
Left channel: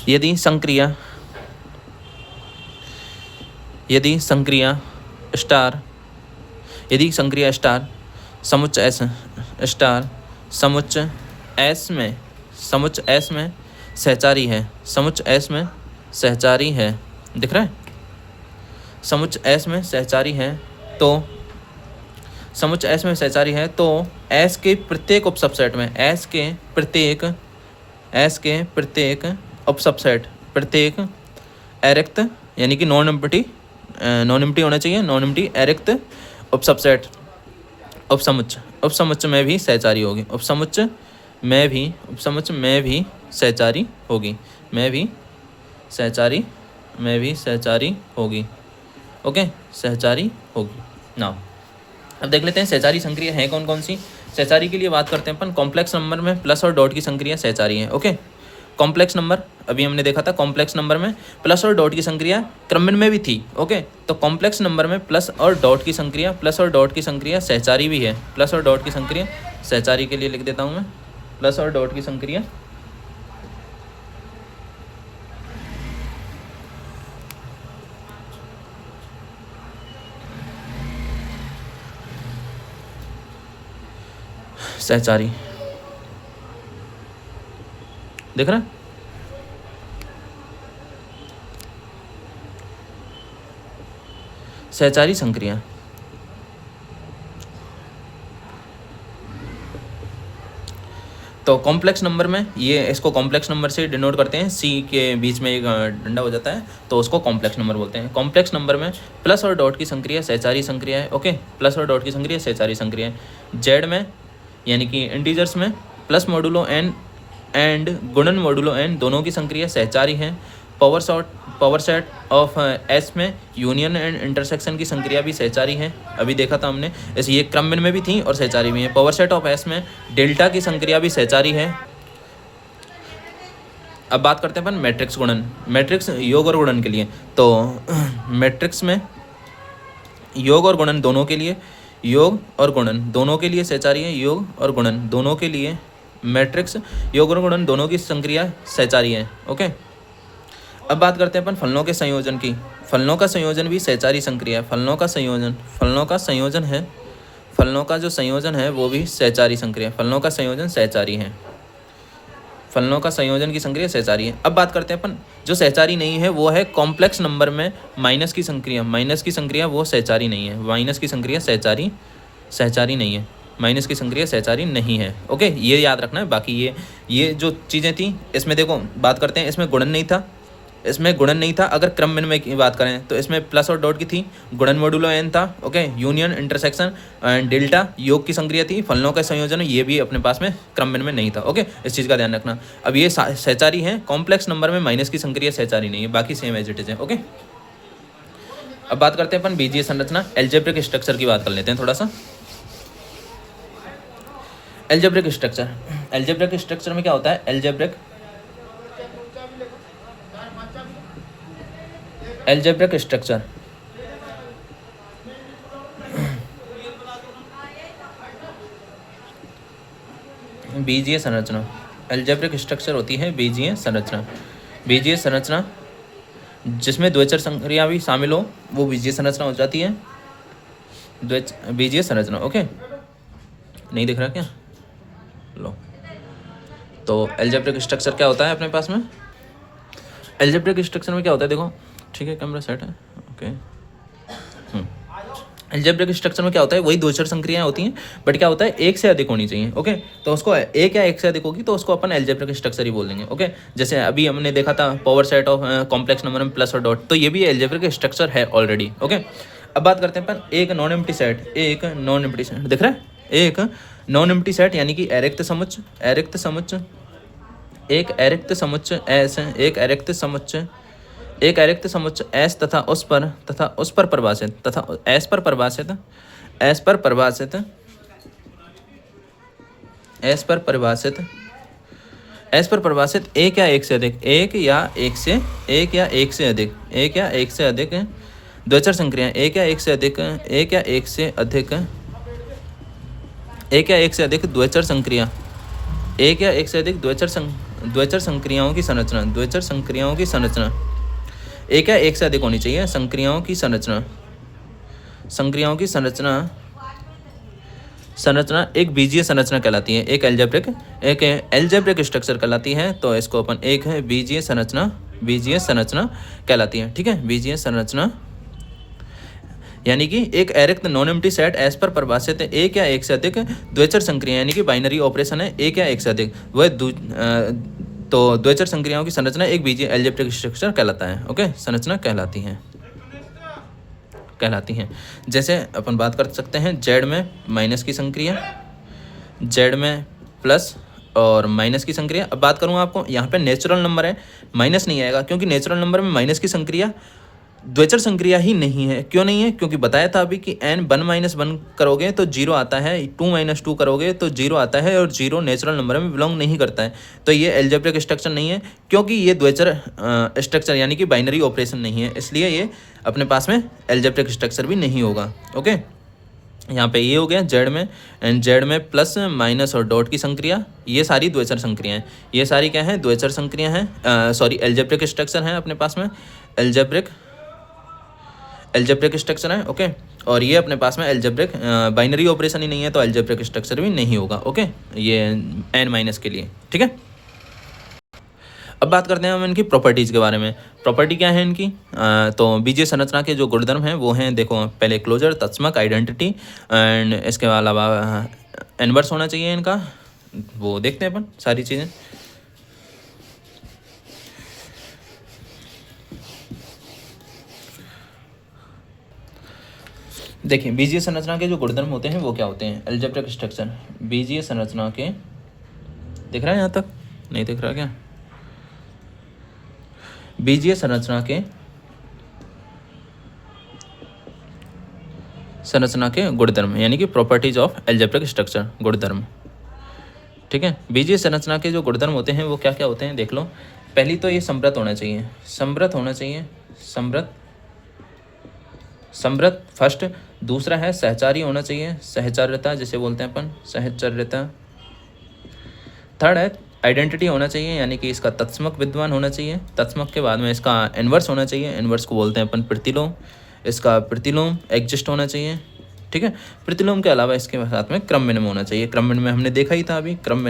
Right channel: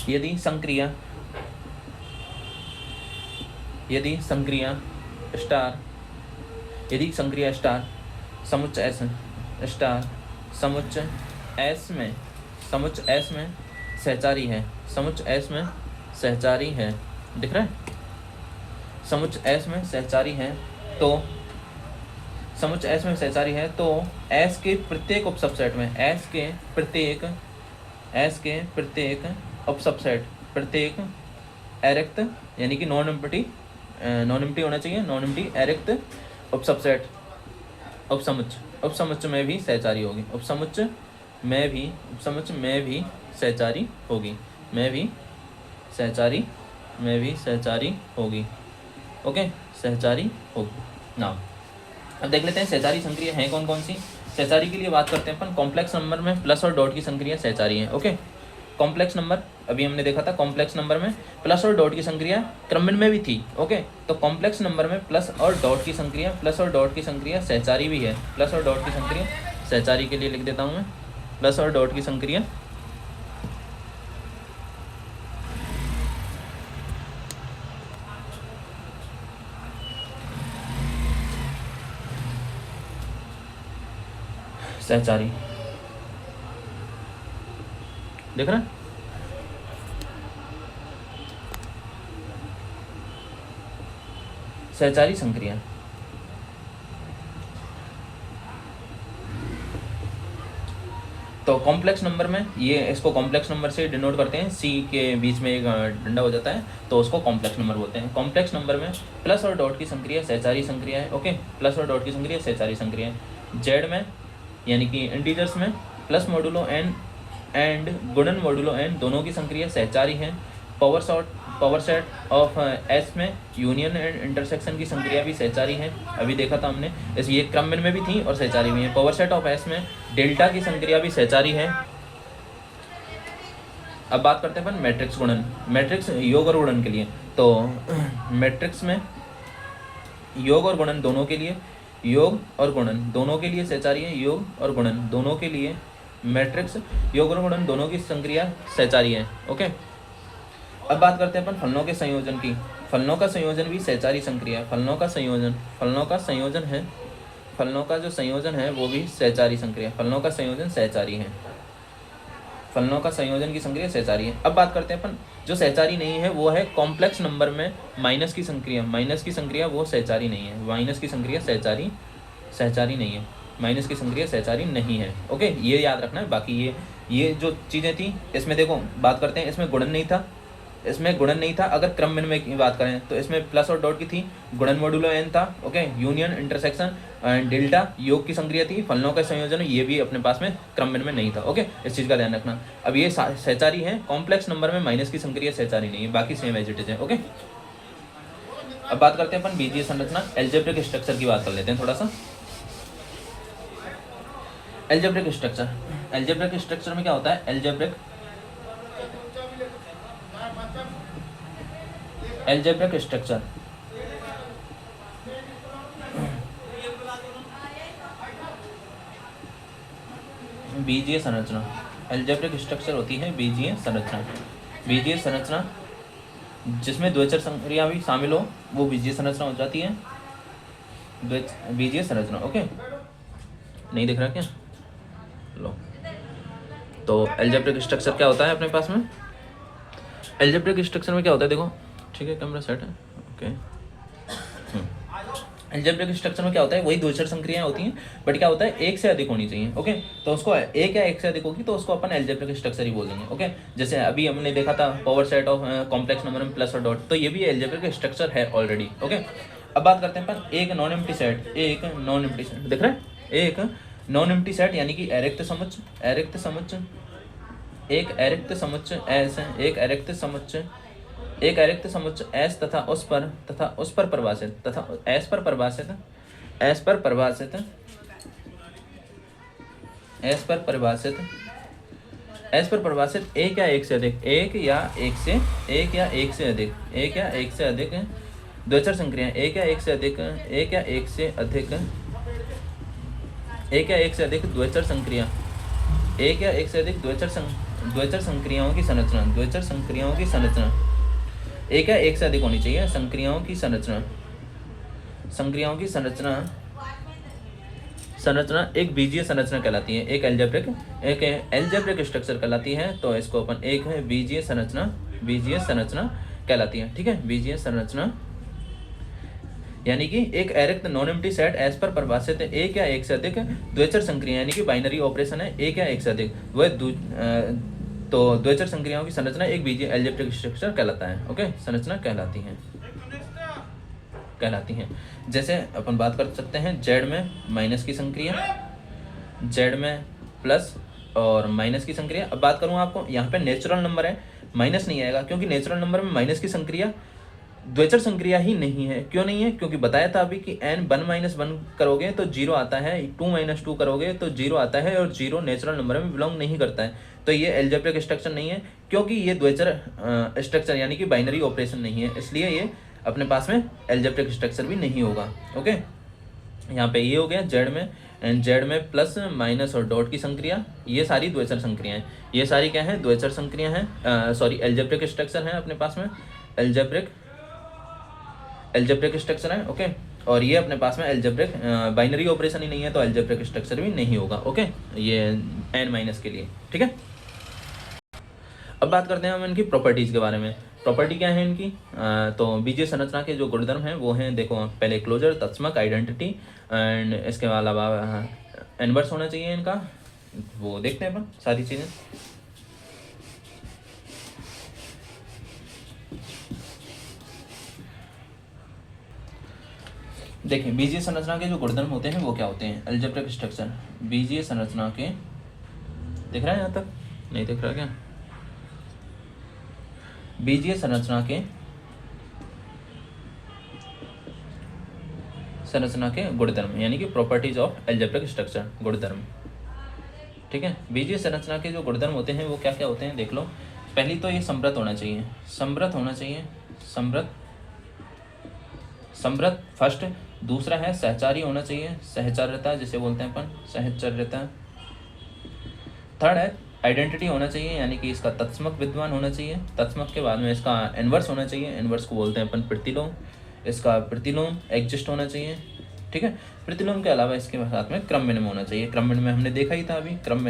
यदि संक्रिया स्टार समुच्चय एस में सहचारी है, दिख रहा है, समुच्चय एस में सहचारी है तो एस के प्रत्येक उपसबसेट में प्रत्येक अरिक्त यानी कि नॉन एम्प्टी नॉन एम्प्टी होना चाहिए, नॉन एम्प्टी अरिक्त उपसबसेट उपसमुच्च में भी सहचारी होगी, उपसमुच्च में भी सहचारी होगी, सहचारी होगी। ओके, सहचारी होगी ना। अब देख लेते हैं सहचारी संक्रिया है कौन कौन सी। सहचारी के लिए बात करते हैं अपन, कॉम्प्लेक्स नंबर में प्लस और डॉट की संक्रिया सहचारी है। ओके, कॉम्प्लेक्स नंबर अभी हमने देखा था, कॉम्प्लेक्स नंबर में प्लस और डॉट की संक्रिया क्रमन में भी थी। ओके, तो कॉम्प्लेक्स नंबर में प्लस और डॉट की संक्रिया सहचारी भी है। प्लस और डॉट की संक्रिया सहचारी के लिए लिख देता हूँ मैं, प्लस और डॉट की संक्रिया सहचारी, देख रहा, सहचारी संक्रिया। तो कॉम्प्लेक्स नंबर में ये इसको कॉम्प्लेक्स नंबर से डिनोट करते हैं, सी के बीच में एक डंडा हो जाता है तो उसको कॉम्प्लेक्स नंबर बोलते हैं। कॉम्प्लेक्स नंबर में प्लस और डॉट की संक्रिया सहचारी संक्रिया है। ओके, प्लस और डॉट की संक्रिया सहचारी संक्रिया है। जेड में यानी कि इंटीजर्स में प्लस मॉडुलो एन एंड गुणन मॉडुलो एन दोनों की संक्रिया सहचारी है। पावर सेट ऑफ एस में यूनियन एंड इंटरसेक्शन की संक्रिया भी सहचारी है, अभी देखा था हमने, ऐसे ये क्रमन में भी थी और सहचारी भी है। पावर सेट ऑफ एस में डेल्टा की संक्रिया भी सहचारी है। अब बात करते हैं अपन मैट्रिक्स गुणन, मैट्रिक्स योग और गुणन के लिए। तो मैट्रिक्स में योग और गुणन दोनों के लिए, योग और गुणन दोनों के लिए सहचारी है, योग और गुणन दोनों के लिए मैट्रिक्स योग और गुणन दोनों की संक्रिया सहचारी है। ओके, अब बात करते हैं अपन फलनों के संयोजन की। फलनों का संयोजन भी सहचारी संक्रिया है। फलनों का जो संयोजन है वो भी सहचारी संक्रिया, फलनों का संयोजन सहचारी है, फलनों का संयोजन की संक्रिया सहचारी है। अब बात करते हैं अपन जो सहचारी नहीं है वो है कॉम्प्लेक्स नंबर में माइनस की संक्रिया वो सहचारी नहीं है, माइनस की संक्रिया सहचारी नहीं है, माइनस की संक्रिया सहचारी नहीं है। ओके, ये याद रखना है। बाकी ये जो चीज़ें थी इसमें देखो बात करते हैं, इसमें गुणन नहीं था, अगर क्रमन में की बात करें तो इसमें प्लस और डॉट की थी, गुणन मॉडुलो एन था। ओके, यूनियन इंटरसेक्शन डेल्टा योग की संक्रिया थी, फलनों का संयोजन ये भी अपने पास में क्रमन में नहीं था। ओके, इस चीज़ का ध्यान रखना। अब ये सहचारी है, कॉम्प्लेक्स नंबर में माइनस की संक्रिया सहचारी नहीं है, बाकी सेम एज इट इज है। ओके, अब बात करते हैं अपन बीजीय संरचना, एल्जेब्रिक स्ट्रक्चर की बात कर लेते हैं थोड़ा सा। एल्जेब्रिक स्ट्रक्चर में क्या होता है, एल्जेब्रिक स्ट्रक्चर बीजीय संरचना, एल्जेब्रिक स्ट्रक्चर होती है बीजीय संरचना जिसमें द्विचर संक्रिया भी शामिल हो वो बीजीय संरचना हो जाती है, बीजीय संरचना। ओके, नहीं दिख रहा क्या, लो। तो एल्जेब्रिक स्ट्रक्चर क्या होता है अपने पास में, एल्जेब्रिक स्ट्रक्चर में क्या होता है, देखो ठीक है, कैमरा सेट है। ओके, एल्जेब्रिक स्ट्रक्चर में क्या होता है, वही द्विचर संक्रियाएं होती हैं, बट क्या होता है एक से अधिक होनी चाहिए। ओके, तो उसको एक या एक से अधिक होगी तो उसको अपन एल्जेब्रिक स्ट्रक्चर ही बोल देंगे। ओके, जैसे अभी हमने देखा था power set of complex number में प्लस और डॉट, तो ये भी एल्जेब्रिक स्ट्रक्चर है ऑलरेडी। ओके, अब बात करते हैं अपन एक नॉन एम्प्टी सेट, दिख रहा है, एक नॉन एम्प्टी सेट यानी कि अरिक्त समुच्चय, एक अरिक्त समुच्चय एस तथा उस पर परिभाषित एक या एक से अधिक द्विचर संक्रिया, एक या एक से अधिक द्विचर संक्रिया, द्विचर संक्रियाओं की संरचना, एक या एक से अधिक होनी चाहिए संक्रियाओं की संरचना एक बीजीय संरचना कहलाती है, एक एल्जेब्रिक स्ट्रक्चर कहलाती है। तो इसको अपन एक है बीजीय संरचना कहलाती है। ठीक है, बीजीय संरचना यानी कि एक अरिक्त नॉन एम्प्टी सेट एस पर परिभाषित एक या एक से अधिक द्विचर संक्रिया, यानी कि बाइनरी ऑपरेशन है, एक या एक से अधिक, वह तो द्विचर संक्रियाओं की संरचना एक बीजीय एल्जेब्रिक स्ट्रक्चर कहलाता है। ओके, संरचना कहलाती है। कहलाती हैं। जैसे अपन बात कर सकते हैं जेड में माइनस की संक्रिया, जेड में प्लस और माइनस की संक्रिया। अब बात करूँ आपको, यहाँ पे नेचुरल नंबर है, माइनस नहीं आएगा क्योंकि नेचुरल नंबर में माइनस की संक्रिया द्विचर संक्रिया ही नहीं है। क्यों नहीं है? क्योंकि बताया था अभी कि n 1 माइनस 1 करोगे तो 0 आता है, 2 माइनस 2 करोगे तो 0 आता है, और 0 नेचुरल नंबर में बिलोंग नहीं करता है। तो ये एल्जेब्रिक स्ट्रक्चर नहीं है क्योंकि ये द्विचर स्ट्रक्चर यानी कि बाइनरी ऑपरेशन नहीं है, इसलिए ये अपने पास में एल्जेब्रिक स्ट्रक्चर भी नहीं होगा। ओके, यहाँ पे ये हो गया जेड में, एंड जेड में प्लस माइनस और डॉट की संक्रिया, ये सारी द्विचर संक्रियाएं, ये सारी क्या है? द्विचर संक्रिया हैं, सॉरी एल्जेब्रिक स्ट्रक्चर हैं अपने पास में, एल्जेब्रिक स्ट्रक्चर है। ओके, और ये अपने पास में एल्जेब्रिक बाइनरी ऑपरेशन ही नहीं है तो एल्जेब्रिक स्ट्रक्चर भी नहीं होगा। ओके, ये n माइनस के लिए, ठीक है। अब बात करते हैं हम इनकी प्रॉपर्टीज़ के बारे में। प्रॉपर्टी क्या है इनकी? तो बीजीय संरचना के जो गुणधर्म हैं वो हैं, देखो पहले क्लोजर, तत्समक, आइडेंटिटी, एंड इसके अलावा इनवर्स होना चाहिए इनका, वो देखते हैं अपन सारी चीज़ें। देखिए बीजीय संरचना के जो गुणधर्म होते हैं वो क्या होते हैं? एल्जेब्रिक स्ट्रक्चर, बीजीय संरचना के, दिख रहा है यहाँ तक? नहीं दिख रहा क्या? बीजीय संरचना के गुणधर्म यानी कि प्रॉपर्टीज ऑफ एल्जेब्रिक स्ट्रक्चर, गुणधर्म, ठीक है। बीजीय संरचना के जो गुणधर्म होते हैं वो क्या क्या होते हैं देख लो। पहली तो ये समृद्ध होना चाहिए, समृद्ध होना चाहिए, समृद्ध फर्स्ट। दूसरा है सहचारी होना चाहिए, सहचार्यता जिसे बोलते हैं अपन, सहचार्यता। थर्ड है आइडेंटिटी होना चाहिए यानी कि इसका तत्समक विद्यमान होना चाहिए। तत्समक के बाद में इसका इनवर्स होना चाहिए, इनवर्स को बोलते हैं अपन प्रतिलोम। इसका प्रतिलोम एग्जिस्ट होना चाहिए, ठीक है। प्रतिलोम के अलावा इसके साथ में क्रम विनिमय होना चाहिए। क्रम विनिमय हमने देखा ही था अभी, क्रम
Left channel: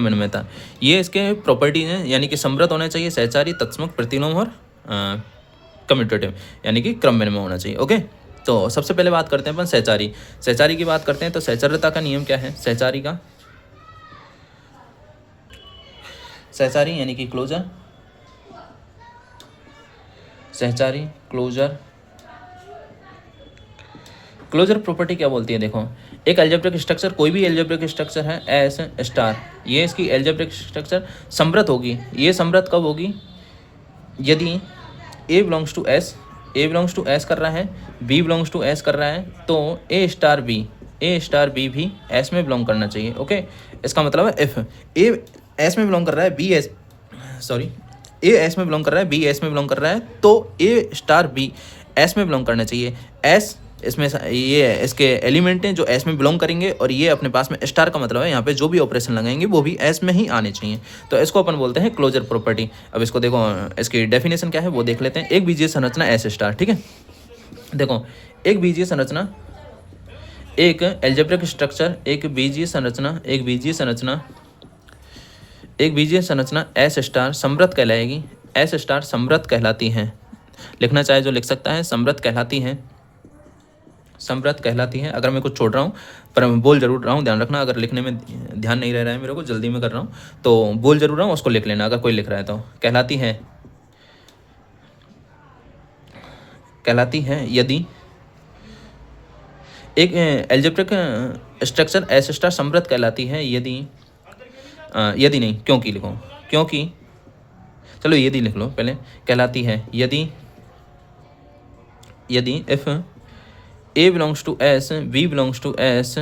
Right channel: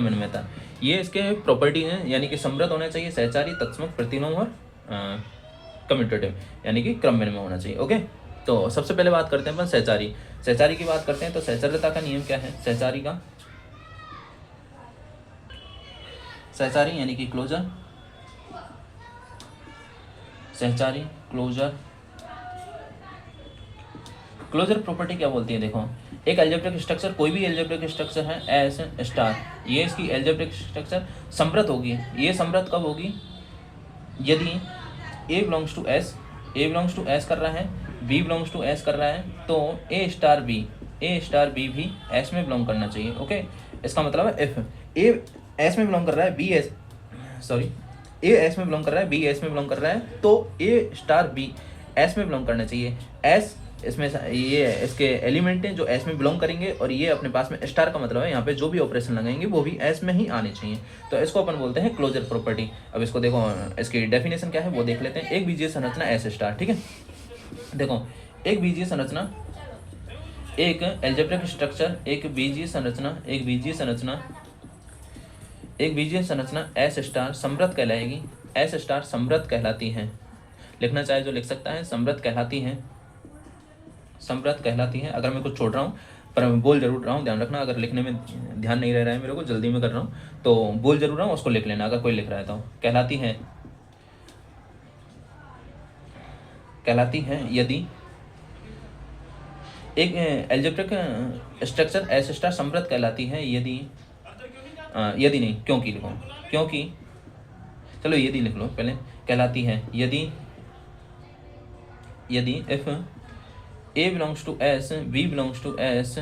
विनिमय था। ये इसके प्रॉपर्टी हैं, यानी कि समृद्ध होना चाहिए, सहचारी, तत्समक, प्रतिलोम और कम्यूटेटिव यानी कि क्रम विनिमय होना चाहिए। ओके, तो सबसे पहले बात करते हैं अपन सहचारी। सहचारी की बात करते हैं तो सहचार्यता का नियम क्या है? सहचारी का, सहचारी यानी कि क्लोजर, सहचारी क्लोजर। क्लोजर प्रॉपर्टी क्या बोलती है? देखो एक एल्जेब्रिक स्ट्रक्चर, कोई भी एल्जेब्रिक स्ट्रक्चर है एस स्टार, ये इसकी एल्जेब्रिक स्ट्रक्चर समृद्ध होगी। ये समृद्ध कब होगी? यदि A belongs to S, A belongs to S कर रहा है, B बिलोंग्स टू S कर रहा है, तो A स्टार B भी S में बिलोंग करना चाहिए। ओके, इसका मतलब है इफ A S में बिलोंग कर रहा है, A S में बिलोंग कर रहा है, B S में बिलोंग कर रहा है, तो A स्टार B S में बिलोंग करना चाहिए। S इसमें ये इसके एलिमेंट हैं जो एस में बिलोंग करेंगे, और ये अपने पास में स्टार का मतलब है यहाँ पे जो भी ऑपरेशन लगाएंगे वो भी एस में ही आने चाहिए। तो इसको अपन बोलते हैं क्लोजर प्रॉपर्टी। अब इसको देखो, इसकी डेफिनेशन क्या है वो देख लेते हैं। एक बीजीय संरचना एस स्टार, ठीक है। देखो एक बीजीय संरचना, एक एल्जेब्रिक स्ट्रक्चर, एक बीजीय संरचना एस स्टार समृद्ध कहलाएगी। एस स्टार समृद्ध कहलाती है, लिखना चाहे जो लिख सकता है, समृद्ध कहलाती है। अगर मैं कुछ छोड़ रहा हूँ पर मैं बोल जरूर रहा हूँ, ध्यान रखना। अगर लिखने में ध्यान नहीं रह रहा है मेरे को, जल्दी में कर रहा हूँ तो बोल जरूर रहा हूँ, उसको लिख लेना अगर कोई लिख रहा है तो। कहलाती है यदि एक एल्जेब्रिक स्ट्रक्चर एस स्टार समृद्ध कहलाती है यदि नहीं, क्योंकि लिखो, क्योंकि चलो यदि लिख लो पहले। कहलाती है यदि if A belongs to S, B belongs to S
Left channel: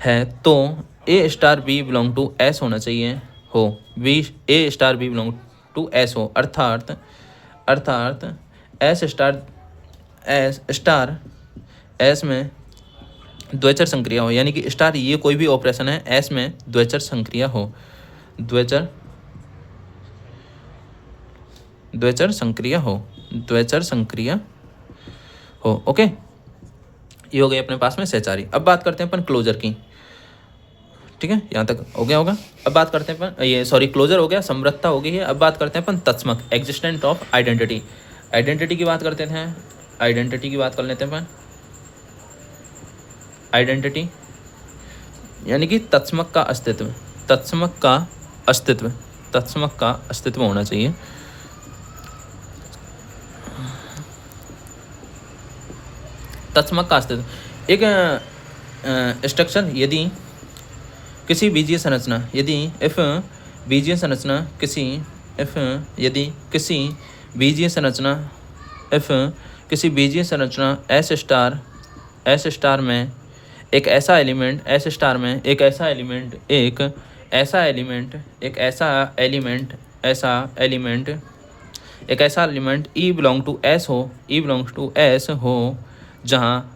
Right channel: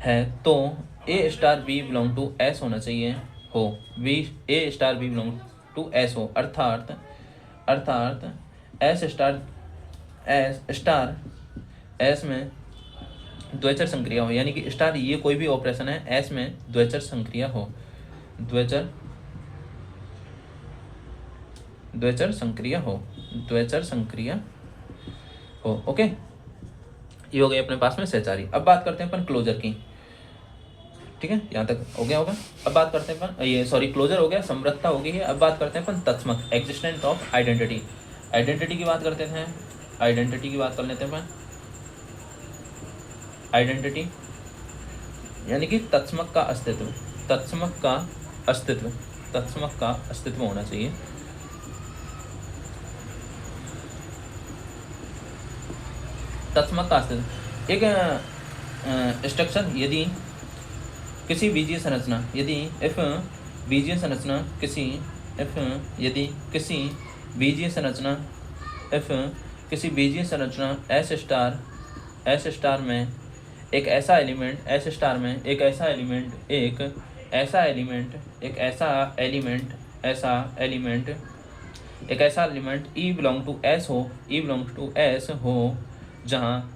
है, तो A star B belong to S होना चाहिए हो, A star B belong to S हो, अर्थात S स्टार S में द्विचर संक्रिया हो, यानी कि स्टार ये कोई भी ऑपरेशन है S में द्विचर संक्रिया हो। ओके, ये हो गई अपने पास में सहचारी। अब बात करते हैं अपन क्लोजर की, ठीक है, यहाँ तक हो गया होगा। अब बात करते हैं अपन, ये सॉरी क्लोजर हो गया, समृद्धता हो गई है। अब बात करते हैं अपन तत्समक, एग्जिस्टेंट ऑफ आइडेंटिटी। आइडेंटिटी की बात कर लेते हैं अपन। आइडेंटिटी यानी कि तत्समक का अस्तित्व होना चाहिए। तत्समक का अस्तित्व। एक स्ट्रक्चर यदि किसी बीजीय संरचना यदि इफ बीजीय संरचना किसी इफ यदि किसी बीजीय संरचना इफ किसी बीजीय संरचना एस स्टार में एक ऐसा एलिमेंट एस स्टार में एक ऐसा element E belong to S हो जहाँ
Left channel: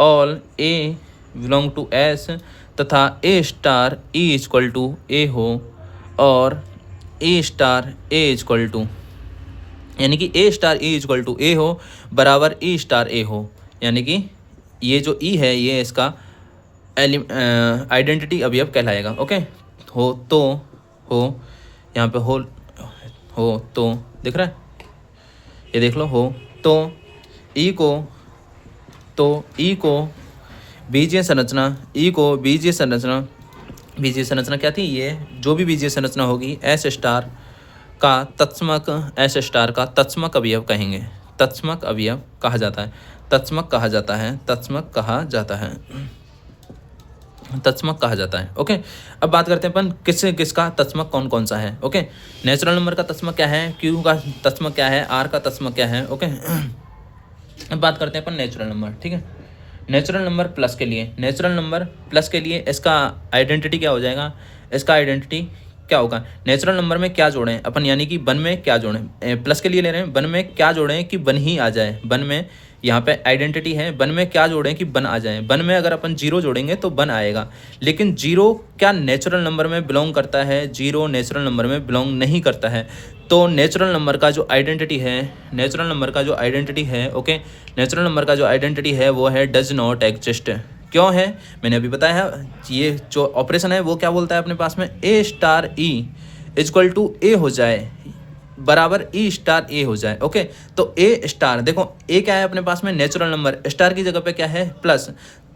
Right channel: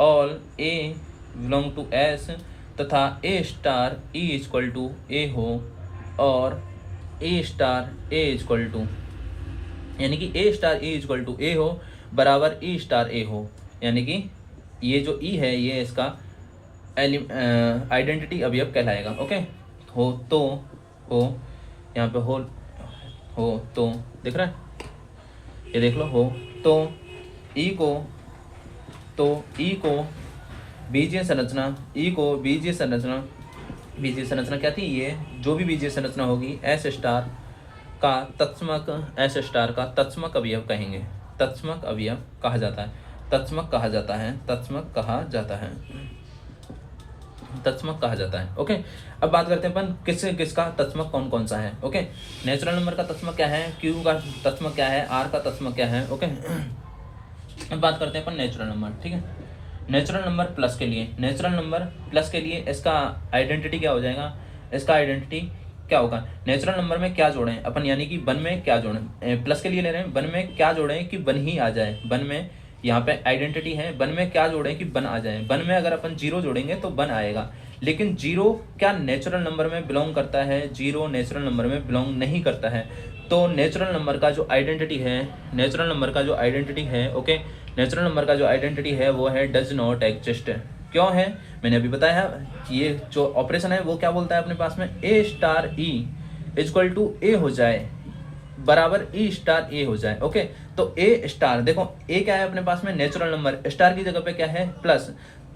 all A belong to S तथा A star E equal to A हो और A star A equal to यानी कि A star E equal to A हो बराबर ई स्टार ए हो, यानी कि ये जो ई है ये इसका आइडेंटिटी अवयव कहलाएगा। ओके, हो तो हो यहाँ पे हो तो दिख रहा है, ये देख लो, हो तो ई को बीजीय संरचना क्या थी, ये जो भी बीजीय संरचना होगी एस स्टार का तत्समक अवयव कहेंगे। तत्समक अवयव कहा जाता है, तत्समक कहा जाता है। ओके, अब बात करते हैं अपन किसका तत्समक कौन कौन सा है। ओके, नेचुरल नंबर का तत्समक क्या है, क्यू का तत्समक क्या है, आर का तत्समक क्या है। ओके, अब बात करते हैं अपन नेचुरल नंबर। ठीक है, नेचुरल नंबर प्लस के लिए इसका आइडेंटिटी क्या हो जाएगा, इसका आइडेंटिटी क्या होगा, नेचुरल नंबर में क्या जोड़ें अपन, यानी कि वन में क्या जोड़ें, प्लस के लिए ले रहे हैं, वन में क्या जोड़ें कि वन ही आ जाए, वन में यहाँ पे आइडेंटिटी है, वन में क्या जोड़ें कि वन आ जाए। वन में अगर अपन जीरो जोड़ेंगे तो वन आएगा, लेकिन जीरो क्या नेचुरल नंबर में बिलोंग करता है, जीरो नेचुरल नंबर में बिलोंग नहीं करता है। तो नेचुरल नंबर का जो आइडेंटिटी है ओके, नेचुरल नंबर का जो आइडेंटिटी है वो है डज नॉट एग्जिस्ट। क्यों है, मैंने अभी बताया है, ये जो ऑपरेशन है वो क्या बोलता है अपने पास में, A star E equal to A हो जाए बराबर ई स्टार ए हो जाए। ओके, तो ए स्टार देखो, ए क्या है अपने पास में नेचुरल नंबर, स्टार की जगह पे क्या है प्लस,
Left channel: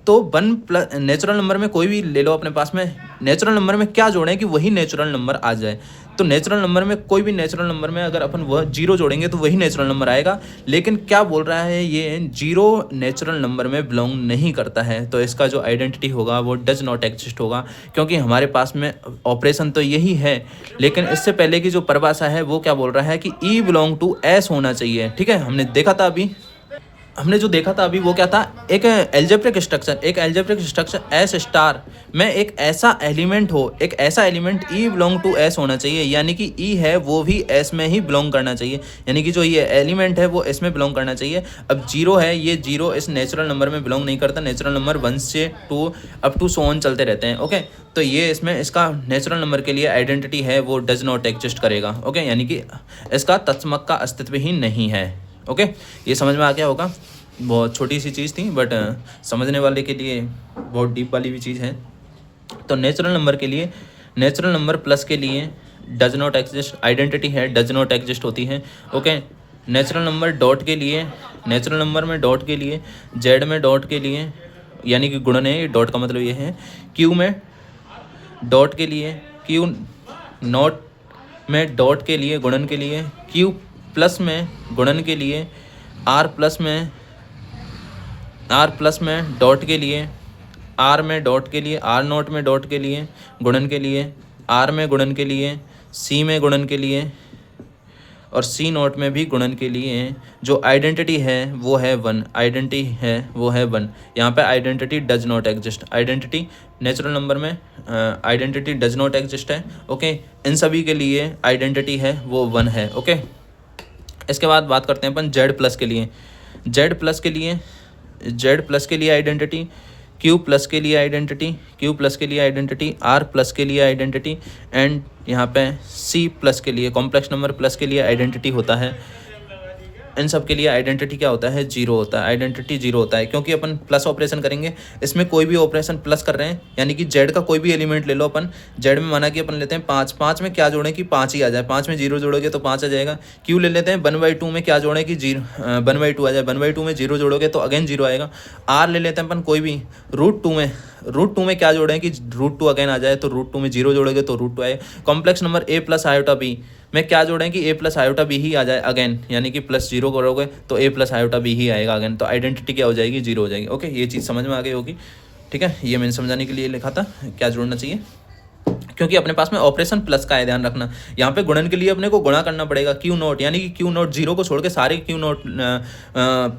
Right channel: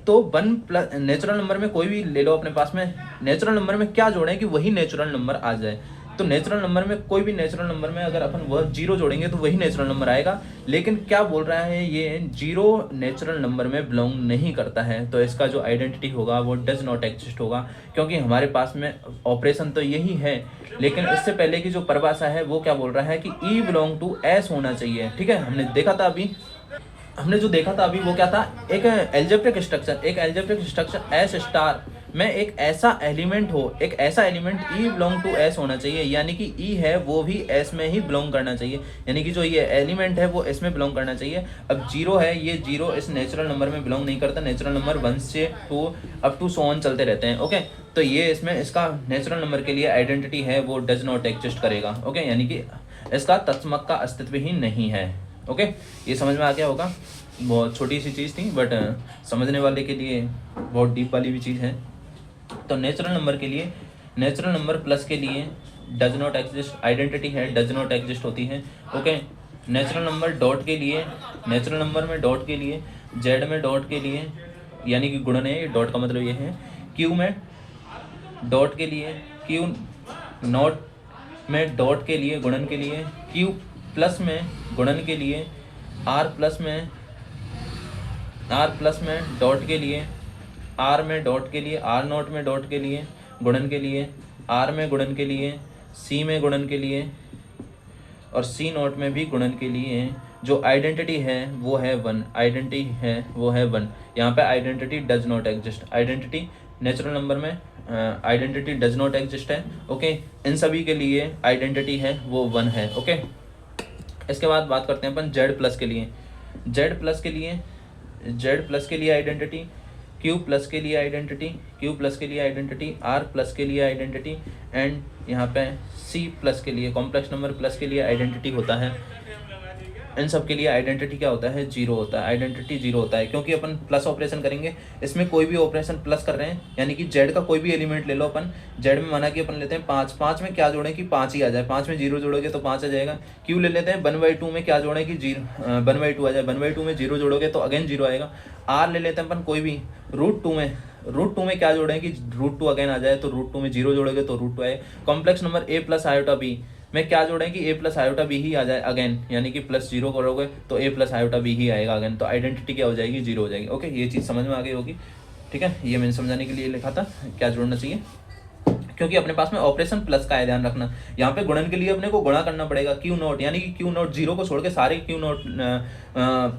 तो वन प्लस नेचुरल नंबर में कोई भी ले लो अपने पास में, नेचुरल नंबर में क्या जोड़ें कि वही नेचुरल नंबर आ जाए। तो नेचुरल नंबर में कोई भी नेचुरल नंबर में अगर अपन वह जीरो जोड़ेंगे तो वही नेचुरल नंबर आएगा, लेकिन क्या बोल रहा है ये जीरो नेचुरल नंबर में बिलोंग नहीं करता है, तो इसका जो आइडेंटिटी होगा वो डज नॉट एग्जिस्ट होगा, क्योंकि हमारे पास में ऑपरेशन तो यही है, लेकिन इससे पहले की जो परिभाषा है वो क्या बोल रहा है कि ई बिलोंग टू एस होना चाहिए। ठीक है, हमने जो देखा था अभी वो क्या था, एक एल्जेब्रिक स्ट्रक्चर एस स्टार में एक ऐसा element E belong to S होना चाहिए, यानी कि ई है वो भी एस में ही बिलोंग करना चाहिए, यानी कि जो ये एलिमेंट है वो एस में बिलोंग करना चाहिए। अब जीरो है, ये जीरो इस नेचुरल नंबर में बिलोंग नहीं करता, नेचुरल नंबर 1 से 2 अप टू सो ऑन चलते रहते हैं। ओके, तो ये इसमें इसका नेचुरल नंबर के लिए आइडेंटिटी है वो डज नॉट एग्जिस्ट करेगा। ओके, यानी कि इसका तत्समक का अस्तित्व ही नहीं है। ओके, ये समझ में आ गया होगा, बहुत छोटी सी चीज़ थी बट समझने वाले के लिए बहुत डीप वाली भी चीज़ है। तो नेचुरल नंबर प्लस के लिए डज नॉट एग्जिस्ट आइडेंटिटी है, डज नॉट एग्जिस्ट होती है। ओके, नेचुरल नंबर में डॉट के लिए जेड में डॉट के लिए यानी कि गुणन है, डॉट का मतलब ये है, क्यू में डॉट के लिए, क्यू नॉट में डॉट के लिए गुणन के लिए, क्यू प्लस में गुणन के लिए, आर प्लस में डॉट के लिए, आर में डॉट के लिए, आर नोट में डॉट के लिए गुणन के लिए, आर में गुणन के लिए, सी में गुणन के लिए और सी नोट में भी गुणन के लिए जो आइडेंटिटी है वो है वन, यहाँ पे identity does not exist, identity natural number में आइडेंटिटी डज नॉट एग्जिस्ट है। ओके, इन सभी के लिए आइडेंटिटी है वो वन है। ओके, इसके बाद बात करते हैं अपन जेड प्लस के लिए आइडेंटिटी, क्यू प्लस के लिए आइडेंटिटी, आर प्लस के लिए आइडेंटिटी एंड यहाँ पे सी प्लस के लिए कॉम्प्लेक्स नंबर प्लस के लिए आइडेंटिटी होता है। इन सब के लिए आइडेंटिटी क्या होता है, जीरो होता है, आइडेंटिटी जीरो होता है, क्योंकि अपन प्लस ऑपरेशन करेंगे, इसमें कोई भी ऑपरेशन प्लस कर रहे हैं, यानी कि जेड का कोई भी एलिमेंट ले लो अपन, जेड में माना कि अपन लेते हैं 5 में क्या जोड़ें कि 5 ही आ जाए, 5 में जीरो जोड़ोगे तो 5 आ जाएगा। क्यू ले लेते हैं 1/2 में क्या जोड़ें कि 1/2 आ जाए, 1/2 में जीरो जोड़ोगे तो अगेन जीरो आएगा। आर ले लेते हैं अपन कोई भी √2 में क्या जोड़ें कि √2 अगेन आ जाए, तो √2 में जीरो जोड़ोगे तो √2 आए। Complex number A plus iota B में क्या जोड़ें कि ए प्लस आयोटा बी ही आ जाए अगेन, यानी कि प्लस जीरो करोगे तो ए प्लस आयोटा बी ही आएगा अगेन, तो आइडेंटिटी क्या हो जाएगी, जीरो हो जाएगी। ओके, ये चीज़ समझ में आ गई होगी। ठीक है, ये मैंने समझाने के लिए लिखा था क्या जोड़ना चाहिए, क्योंकि अपने पास में ऑपरेशन प्लस का है, ध्यान रखना। यहाँ पे गुणन के लिए अपने को गुणा करना पड़ेगा क्यू नोट, यानी कि क्यू नोट जीरो को छोड़ के सारे क्यू नोट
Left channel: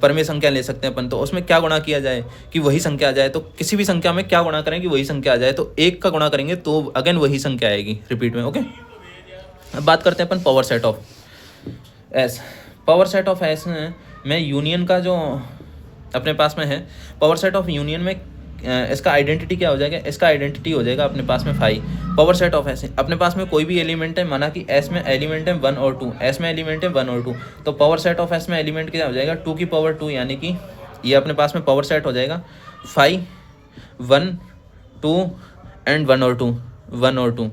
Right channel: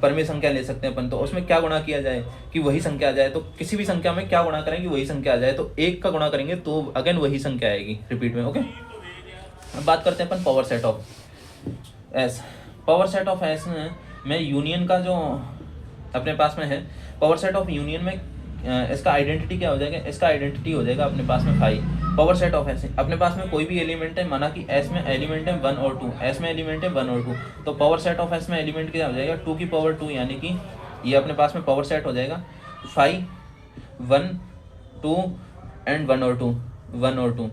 परमेय संख्या ले सकते हैं अपन, तो उसमें क्या गुणा किया जाए कि वही संख्या आ जाए, तो किसी भी संख्या में क्या गुणा करें कि वही संख्या आ जाए, तो एक का गुणा करेंगे तो अगेन वही संख्या आएगी रिपीट में। ओके, अब बात करते हैं अपन power set of S. Power set of S में यूनियन का जो अपने पास में है, पावर सेट ऑफ यूनियन में इसका आइडेंटिटी क्या हो जाएगा, इसका आइडेंटिटी हो जाएगा अपने पास में five. Power set of S, अपने पास में कोई भी एलिमेंट है, माना कि एस में एलिमेंट है 1 और 2, एस में एलिमेंट है 1 और 2, तो पावर सेट ऑफ एस में एलिमेंट क्या हो जाएगा 2 की पावर 2, यानी कि ये अपने पास में पावर सेट हो जाएगा 5 1 2 एंड 1 और 2 1 और 2।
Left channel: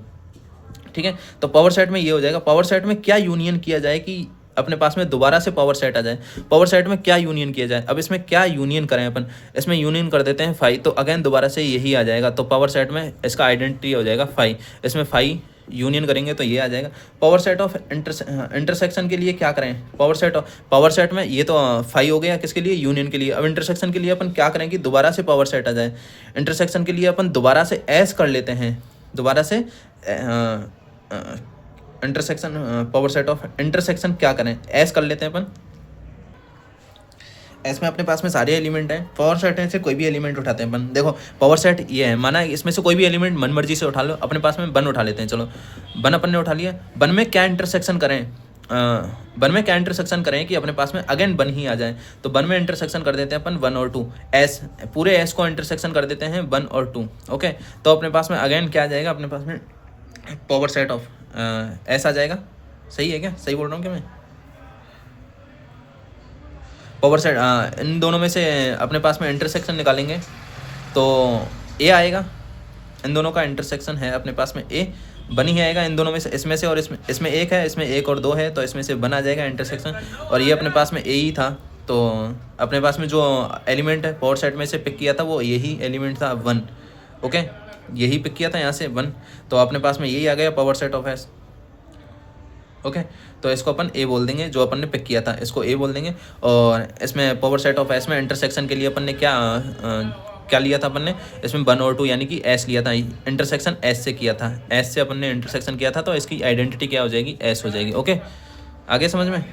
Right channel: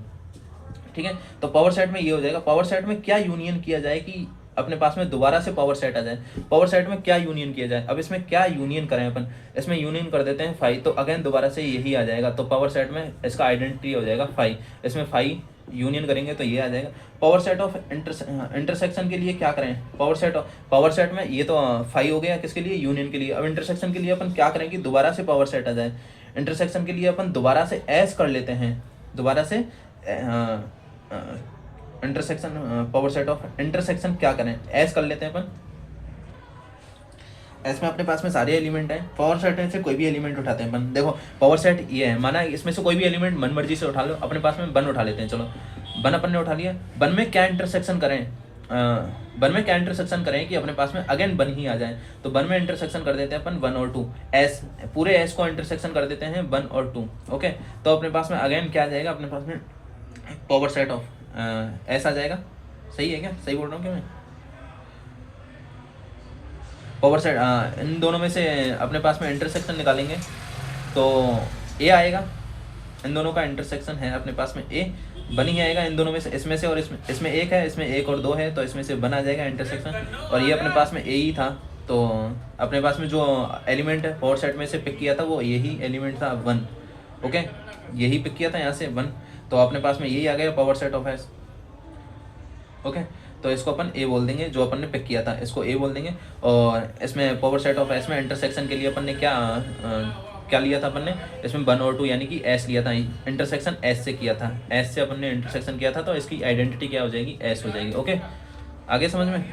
ठीक है, तो पावर सेट में ये हो जाएगा। पावर सेट में क्या यूनियन किया जाए कि अपने पास में दोबारा से पावर सेट आ जाए, पावर सेट में क्या यूनियन किया जाए। अब इसमें क्या यूनियन करें अपन, इसमें यूनियन कर देते हैं 5, तो अगेन दोबारा से यही आ जाएगा, तो पावर सेट में इसका आइडेंटिटी हो जाएगा 5, इसमें 5 यूनियन करेंगे तो ये आ जाएगा। पावर सेट ऑफ इंटरसेक्शन के लिए क्या करें, पावर सेट में ये तो 5 हो गया किसके लिए, यूनियन के लिए। अब इंटरसेक्शन के लिए अपन क्या करें कि दोबारा से पावर सेट आ जाए, इंटरसेक्शन के लिए अपन दोबारा से एस कर लेते हैं, दोबारा से intersection power set of intersection क्या करें, एस कर लेते हैं अपन। एस में अपने पास में सारे एलिमेंट हैं, पावर सेट से कोई भी एलिमेंट उठाते हैं अपन। देखो पावर सेट ये है, माना इसमें से कोई भी एलिमेंट मन मर्जी से उठा लो, अपने पास में 1 उठा लेते हैं, चलो 1 अपन ने उठा लिया। 1 में क्या इंटरसेक्शन करें, 1 में क्या इंटरसेक्शन करें कि अपने पास में अगेन 1 ही आ जाए, तो 1 में इंटरसेक्शन कर देते हैं अपन 1 और 2, एस पूरे एस को इंटरसेक्शन कर देते हैं 1 और 2। ओके, तो अपने पास में अगेन क्या आ जाएगा, अपने पास में पावर सेट ऑफ एस आ जाएगा। सही है क्या, सही बोल रहा हूँ क्या मैं? पावर सेट इन दोनों में से अपने पास में इंटरसेक्शन निकालेंगे तो ए आएगा, इन दोनों का इंटरसेक्शन है अपने पास में ए, 1 ही आएगा इन दोनों में से, इसमें से और इसमें 1 है, इसमें 1 और 2 है, तो इसमें से 1 आ जाएगा इंटरसेक्शन, और ये अपने पास में ए ही था, तो अपने पास में जो एलिमेंट है पावर सेट में से पिक किया था वो यही एलिमेंट था 1। ओके, यही पिक किया था यहाँ से 1, तो अपने पास में यही आ गया power set of S. Okay, तो इसको अपन ए बोल देंगे, जो अपन ने पिक किया था इसको ए बोल देंगे। और इसमें पावर सेट ऑफ एस में इंटरसेक्शन के लिए अपन ने क्या लिया था, अपन ने इसमें 1 और 2 यानी कि एस लिया था, इंटरसेक्शन एस से किया था, एस से अपन ने इंटरसेक्शन किया था, तो इसकी आइडेंटिटी क्या हो जाएगी, एस हो जाएगी। ओके, आगे समझ में,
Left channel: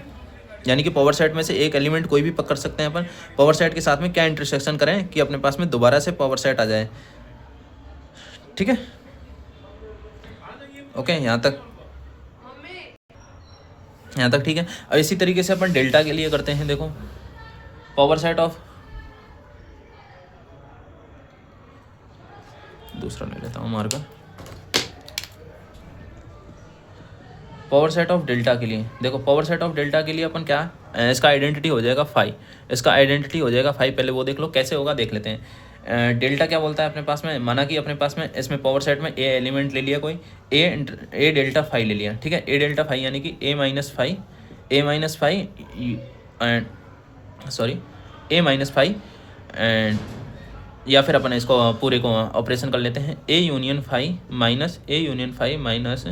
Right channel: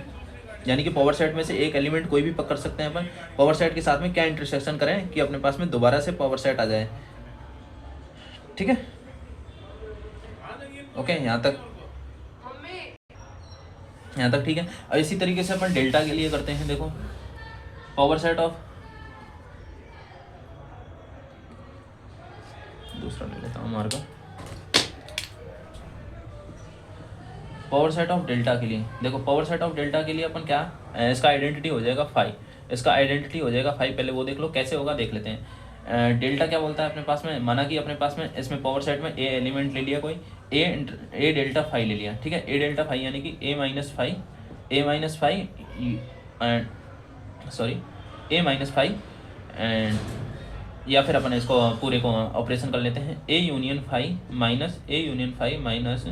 यानी कि पावर सेट में से एक एलिमेंट कोई भी पक कर सकते हैं अपन, पावर सेट के साथ में क्या इंटरसेक्शन करें कि अपने पास में दोबारा से पावर सेट आ जाए। ठीक है, ओके, यहाँ तक ठीक है। अब इसी तरीके से अपन डेल्टा के लिए करते हैं। देखो पावर सेट ऑफ, दूसरा ले लेता हूँ मार का, पावर सेट ऑफ डेल्टा के लिए। देखो पावर सेट ऑफ डेल्टा के लिए अपन क्या, इसका आइडेंटिटी हो जाएगा 5, इसका आइडेंटिटी हो जाएगा 5। पहले वो देख लो कैसे होगा, देख लेते हैं। डेल्टा क्या बोलता है अपने पास में, माना कि अपने पास में इसमें पावर सेट में ए एलिमेंट ले लिया कोई, ए डेल्टा 5 ले लिया। ठीक है, ए डेल्टा 5 यानी कि A minus 5 and sorry A minus 5 and, या फिर अपन इसको पूरे को ऑपरेशन कर लेते हैं, A union 5 minus A union 5 minus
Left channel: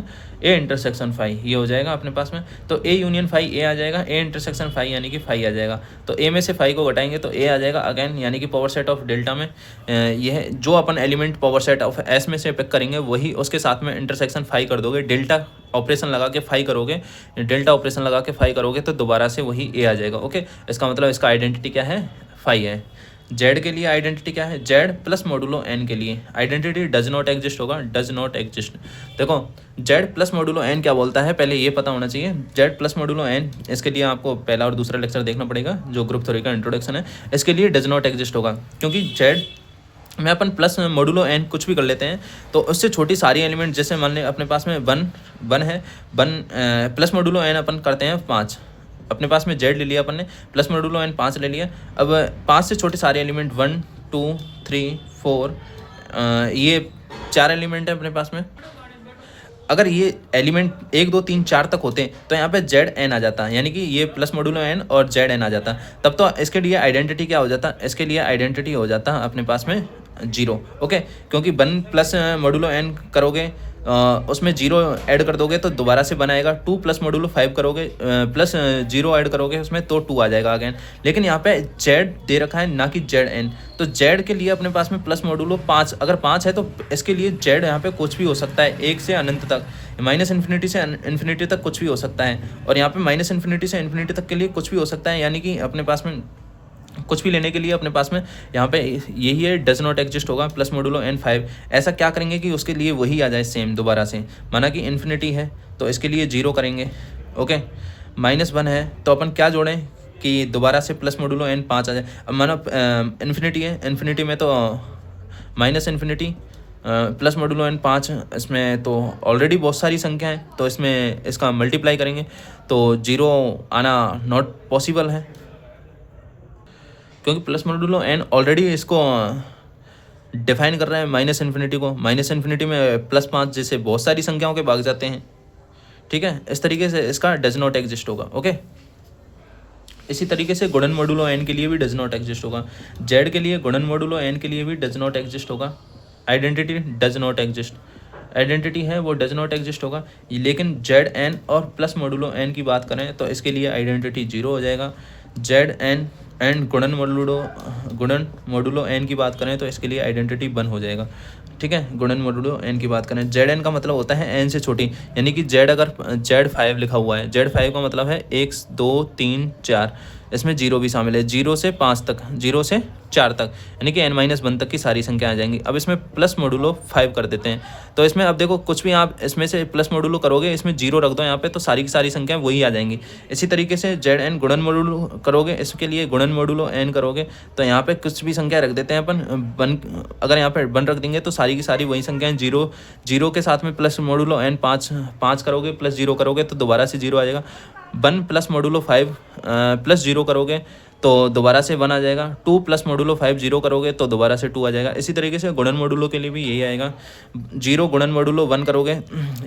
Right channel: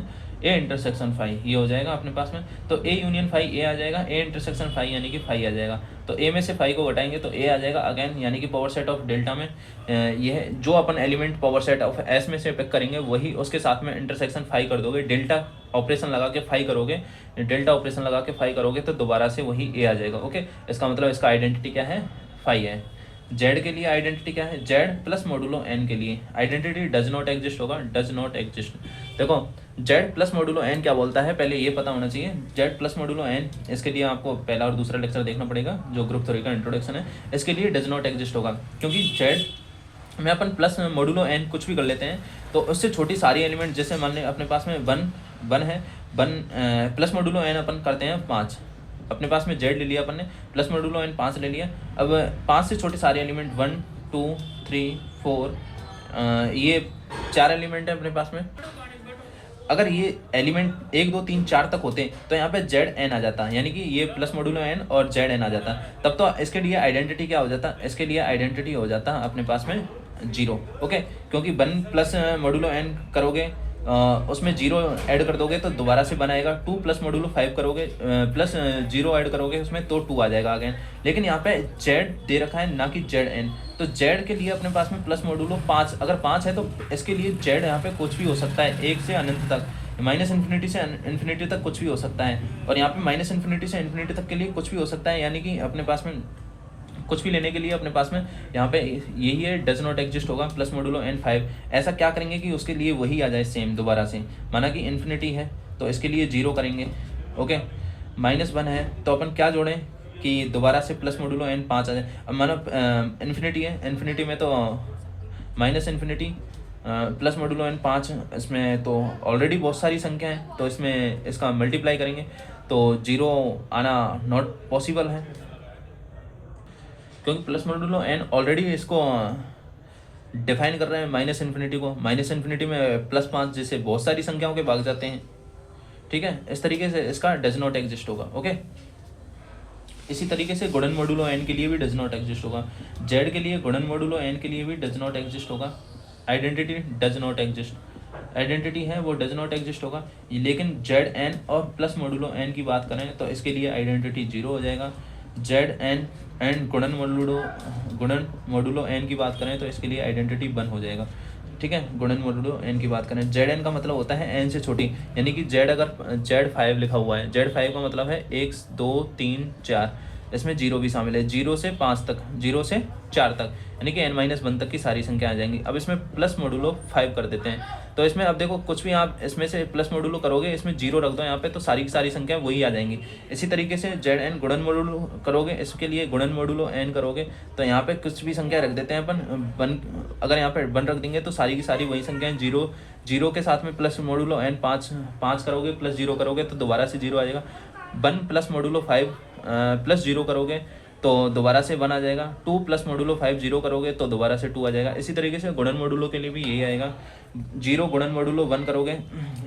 A intersection 5, ये हो जाएगा अपने पास में। तो ए यूनियन 5 ए आ जाएगा, ए इंटरसेक्शन 5 यानी कि 5 आ जाएगा, तो ए में से 5 को घटाएंगे तो ए आ जाएगा अगेन, यानी कि पावर सेट ऑफ डेल्टा में यह जो अपन element power set of S में से पिक करेंगे वही उसके साथ में इंटरसेक्शन 5 कर दोगे, डेल्टा ऑपरेशन लगा के 5 करोगे, डेल्टा ऑपरेशन लगा के 5 करोगे तो दोबारा से वही ए आ जाएगा। ओके, इसका मतलब इसका आइडेंटिटी क्या है, 5 है। जेड के लिए आइडेंटिटी क्या है, जेड प्लस मॉडुलो एन के लिए आइडेंटिटी डज नॉट एग्जिस्ट होगा, डज नॉट एग्जिस्ट। देखो जेड प्लस मॉडुलो एन क्या बोलता है, पहले ये पता होना चाहिए। जेड प्लस मॉडुलो एन, इसके लिए आपको पहला और दूसरा लेक्चर देखना पड़ेगा जो ग्रुप थ्योरी का इंट्रोडक्शन है, इसके लिए डज नॉट एग्जिस्ट होगा, क्योंकि जेड में अपन प्लस मॉडुलो एन कुछ भी कर लेते हैं तो उससे छोटी सारी एलिमेंट, जैसे मान लें अपने पास में 1 है, 1 प्लस मॉडुलो एन अपन करते हैं 5, अपने पास में जेड ले लिया अपन ने, प्लस मॉडुलो एन 5 ले लिया। अब 5 से छोटे सारे एलिमेंट 1 2 3 4 ये 4 एलिमेंट है अपने पास में। अगर ये एलिमेंट 1 2 3 4 तक होते तो यहाँ पे जेड एन आ जाता, यानी कि ये प्लस मॉडुलो एन और जेड एन आ जाता, तब तो इसके लिए आइडेंटिटी क्या हो जाता, इसके लिए आइडेंटिटी हो जाता अपने पास में जीरो। ओके, क्योंकि 1 प्लस मॉडुलो एन करोगे उसमें जीरो ऐड कर दोगे तो दोबारा से 1 आएगा। 2 प्लस मॉडुलो 5 करोगे प्लस जीरो ऐड करोगे उसमें तो 2 आ जाएगा अगेन। लेकिन यहाँ पे जेड दे रखा है ना कि जेड एन, तो जेड के लिए अपने पास में प्लस मॉडुलो 5, अगर 5 है तो इसके लिए जेड यहाँ पे कुछ भी हो सकता है, 1 से अनंत तक, माइनस इन्फिनिटी से इन्फिनिटी तक कुछ भी हो सकता है। और यहाँ पे माइनस इन्फिनिटी से इन्फिनिटी तक के लिए कुछ भी हो सकता है, यानी कि अपने पास में कुछ भी लेने के लिए अपने पास में यहाँ पे यही है, डज नॉट एग्जिस्ट होगा प्लस मॉडुलो एन 5। ऐसा क्या करेंगे कि उसके लिए वही आ जाए सेम दोबारा से, माना कि इन्फिनिटी है तो इसके लिए 0 करेंगे। ओके, -1 है तो अपन क्या जोड़ें कि दोबारा से प्लस मॉडुलो एन 5 आ जाए। अब माना इन्फिनिटी है, इन्फिनिटी में तो minus infinity plus modulo N 5, इसमें तो ऑलरेडी बहुत सारी संख्या है तो इसमें इसका मल्टीप्लाई करेंगे तो 0 आना नॉट पॉसिबल है, क्योंकि प्लस मॉडुलो एन ऑलरेडी इसको डिफाइन कर रहा है माइनस इन्फिनिटी को। माइनस इन्फिनिटी में +5 जैसे बहुत सारी संख्याओं के भाग जाते हैं। ठीक है, इस तरीके से इसका डज नॉट एग्जिस्ट होगा। ओके, इसी तरीके से गुणन मॉडुलो एन के लिए भी डज नॉट एग्जिस्ट होगा। जेड के लिए गुणन मॉडुलो एन के लिए भी डज नॉट एग्जिस्ट होगा। Identity does not exist, identity है वो डज नॉट एग्जिस्ट होगा। लेकिन जेड एन और प्लस मॉडुलो एन की बात करें तो इसके लिए आइडेंटिटी 0 हो जाएगा। जेड एन एंड गुणन मॉडुलो एन की बात करें तो इसके लिए आइडेंटिटी 1 हो जाएगा। ठीक है, गुणन मॉडुलो एन की बात करें, जेड एन का मतलब होता है एन से छोटी, यानी कि जेड अगर जेड 5 लिखा हुआ है, जेड 5 का मतलब है 1 2 3 4, इसमें 0 भी शामिल है, 0 से 5 तक, 0 से 4 तक, यानी कि n-1 तक की सारी संख्या आ जाएंगी। अब इसमें प्लस मॉडुलो 5 कर देते हैं, तो इसमें अब देखो कुछ भी आप इसमें से प्लस मॉडुलो करोगे, इसमें 0 रख दो यहाँ पे तो सारी की सारी संख्या वही आ जाएंगी। इसी तरीके से जेड एन गुणन मॉडुलो करोगे, इसके लिए गुणन मॉडुलो एन करोगे तो यहाँ पे कुछ भी संख्या रख देते हैं अपन 1, अगर यहाँ पे 1 रख देंगे तो सारी की सारी वही संख्याएं 0 के साथ में प्लस मॉडुलो एन 5 करोगे प्लस 0 करोगे तो दोबारा से 0 आ जाएगा। 1 प्लस मॉडुलो 5 प्लस 0 करोगे तो दोबारा से 1 आ जाएगा। 2 प्लस मॉडुलो 5 0 करोगे तो दोबारा से 2 आ जाएगा। इसी तरीके से गुणन मॉडुलो के लिए भी यही आएगा। 0 गुणन मॉडुलो 1 करोगे,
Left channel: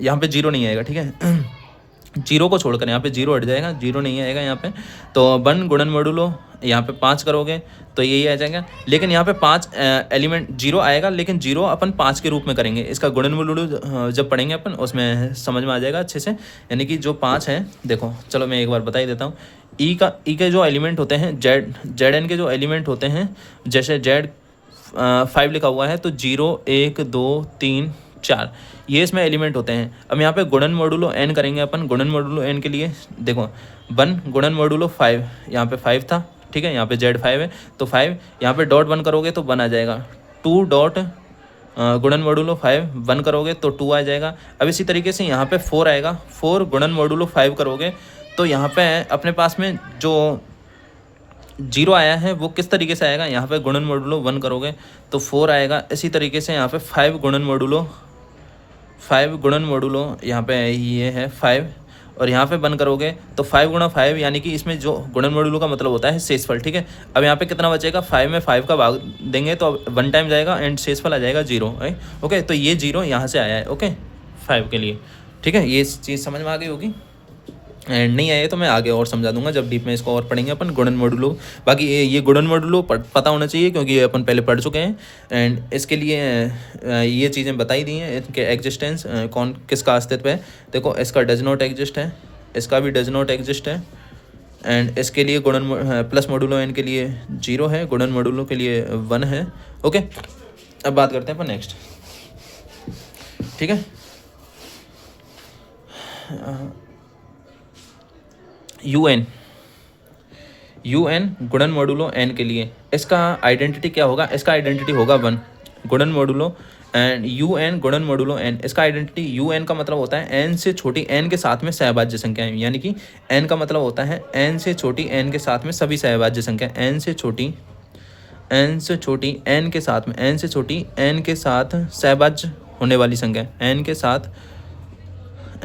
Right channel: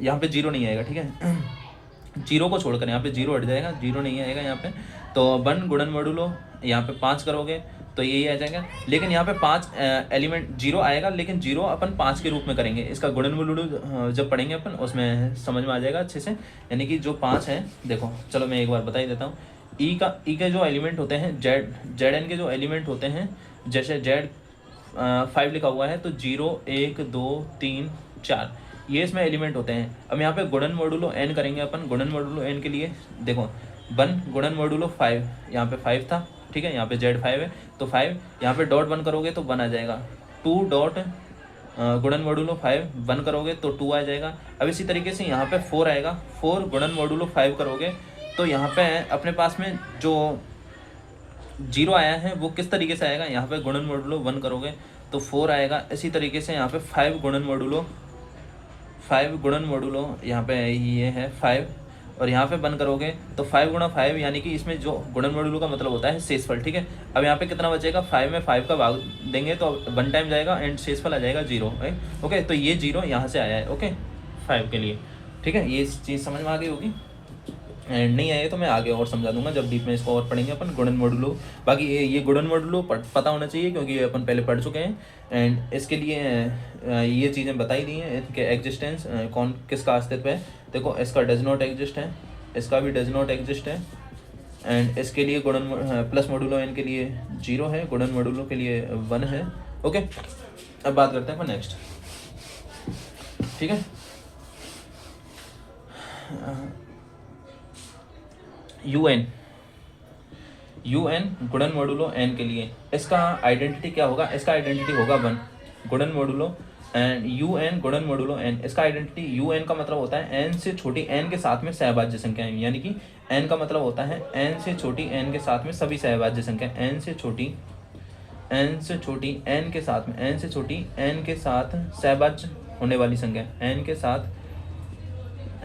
यहाँ पे 0 नहीं आएगा। ठीक है, 0 को छोड़कर यहाँ पे 0 हट जाएगा, 0 नहीं आएगा यहाँ पे। तो 1 गुणन मॉडुलो यहाँ पे 5 करोगे तो यही आ जाएगा। लेकिन यहाँ पे 5 एलिमेंट 0 आएगा, लेकिन 0 अपन 5 के रूप में करेंगे। इसका गुणन मॉडुलो जब पढ़ेंगे अपन उसमें समझ में आ जाएगा अच्छे से। यानी कि जो 5 हैं, देखो चलो मैं एक बार बता ही देता हूँ। ई के जो एलिमेंट होते हैं, जेड एन के जो एलिमेंट होते हैं, जैसे जेड 5 लिखा हुआ है तो 0 1 2 3 4 ये इसमें एलिमेंट होते हैं। अब यहाँ पे गुणन मॉडुलो एन करेंगे अपन। गुणन मॉडुलो एन के लिए देखो 1 गुणन मॉडुलो 5, यहाँ पे 5 था। ठीक है, यहाँ पे जेड 5 है तो 5, यहाँ पे डॉट 1 करोगे तो 1 आ जाएगा। 2 डॉट गुणन मॉडुलो 5 1 करोगे तो 2 आ जाएगा। अब इसी तरीके से यहाँ पे 4 आएगा। 4 गुणन मॉडुलो 5 करोगे तो यहाँ पे अपने पास में जो 0 आया है वो किस तरीके से आएगा, यहाँ पे गुणन मॉडुलो 1 करोगे तो 4 आएगा। इसी तरीके से यहाँ पे 5 गुणन मॉडुलो यहाँ पे ये है 5 और यहाँ पे 1 करोगे तो 5 गुणा 5, यानी कि इसमें जो गुणन मॉडुलो का मतलब होता है शेषफल। ठीक है, अब यहाँ पे कितना बचेगा, 5 में 5 का भाग देंगे तो 1 टाइम जाएगा एंड शेषफल आ जाएगा 0। ओके, तो ये 0 यहाँ से आया है। ओके, 5 के लिए। ठीक है, ये चीज़ समझ में आ गई होगी। एंड नहीं आए तो मैं आगे और समझा दूंगा जब डीप में इसको और पढ़ेंगे अपन गुणन मॉडुलो। बाकी ये गुणन मॉडुलो पता होना चाहिए क्योंकि ये अपन पहले पढ़ चुके हैं। एंड इसके लिए ये चीज़ें बताई दी हैं, इनके एग्जिस्टेंस कौन किसका अस्तित्व है। देखो इसका डज नॉट एग्जिस्ट है, इसका भी डज नॉट एग्जिस्ट है। एंड इसके लिए गुणन प्लस मॉडुलो एन के लिए 0 है, गुणन मॉडुलो के लिए 1 है। ओके, अब बात करते हैं अपन नेक्स्ट। ठीक है, UN गुणन मॉडुलो n के लिए इसका आइडेंटिटी क्या होगा, इसका आइडेंटिटी होगा 1 गुणन मॉडुलो एंड UN गुणन मॉडुलो n। इसका आइडेंटिटी UN का मतलब होता है n से छोटी n के साथ में सहभाज्य संख्या, यानी कि n का मतलब होता है n से छोटी n के साथ में सभी सहभाज्य संख्या, n से छोटी n के साथ में n से छोटी n के साथ सहभाज्य होने वाली संख्या, n के साथ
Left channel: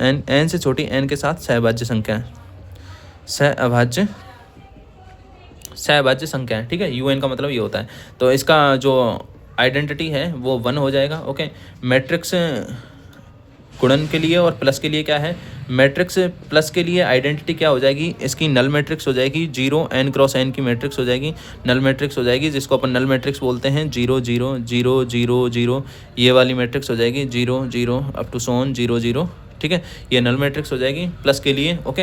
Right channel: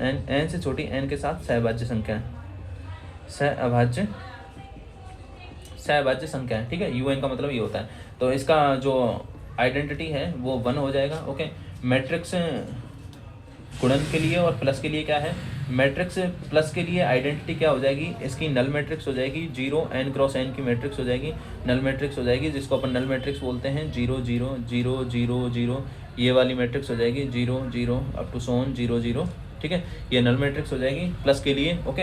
n से छोटी n के साथ सहभाज्य संख्या, सहभाज्य संख्या है। ठीक है, UN का मतलब ये होता है। तो इसका जो आइडेंटिटी है वो 1 हो जाएगा। ओके, मैट्रिक्स गुणन के लिए और प्लस के लिए क्या है, मैट्रिक्स प्लस के लिए आइडेंटिटी क्या हो जाएगी, इसकी नल मैट्रिक्स हो जाएगी, 0 n क्रॉस n की मैट्रिक्स हो जाएगी, नल मैट्रिक्स हो जाएगी, जिसको अपन नल मैट्रिक्स बोलते हैं, 0 0 0 0 0, ये वाली मैट्रिक्स हो जाएगी 0 0 अप टू सोन 0 0, ठीक है, ये नल मैट्रिक्स हो जाएगी प्लस के लिए। ओके,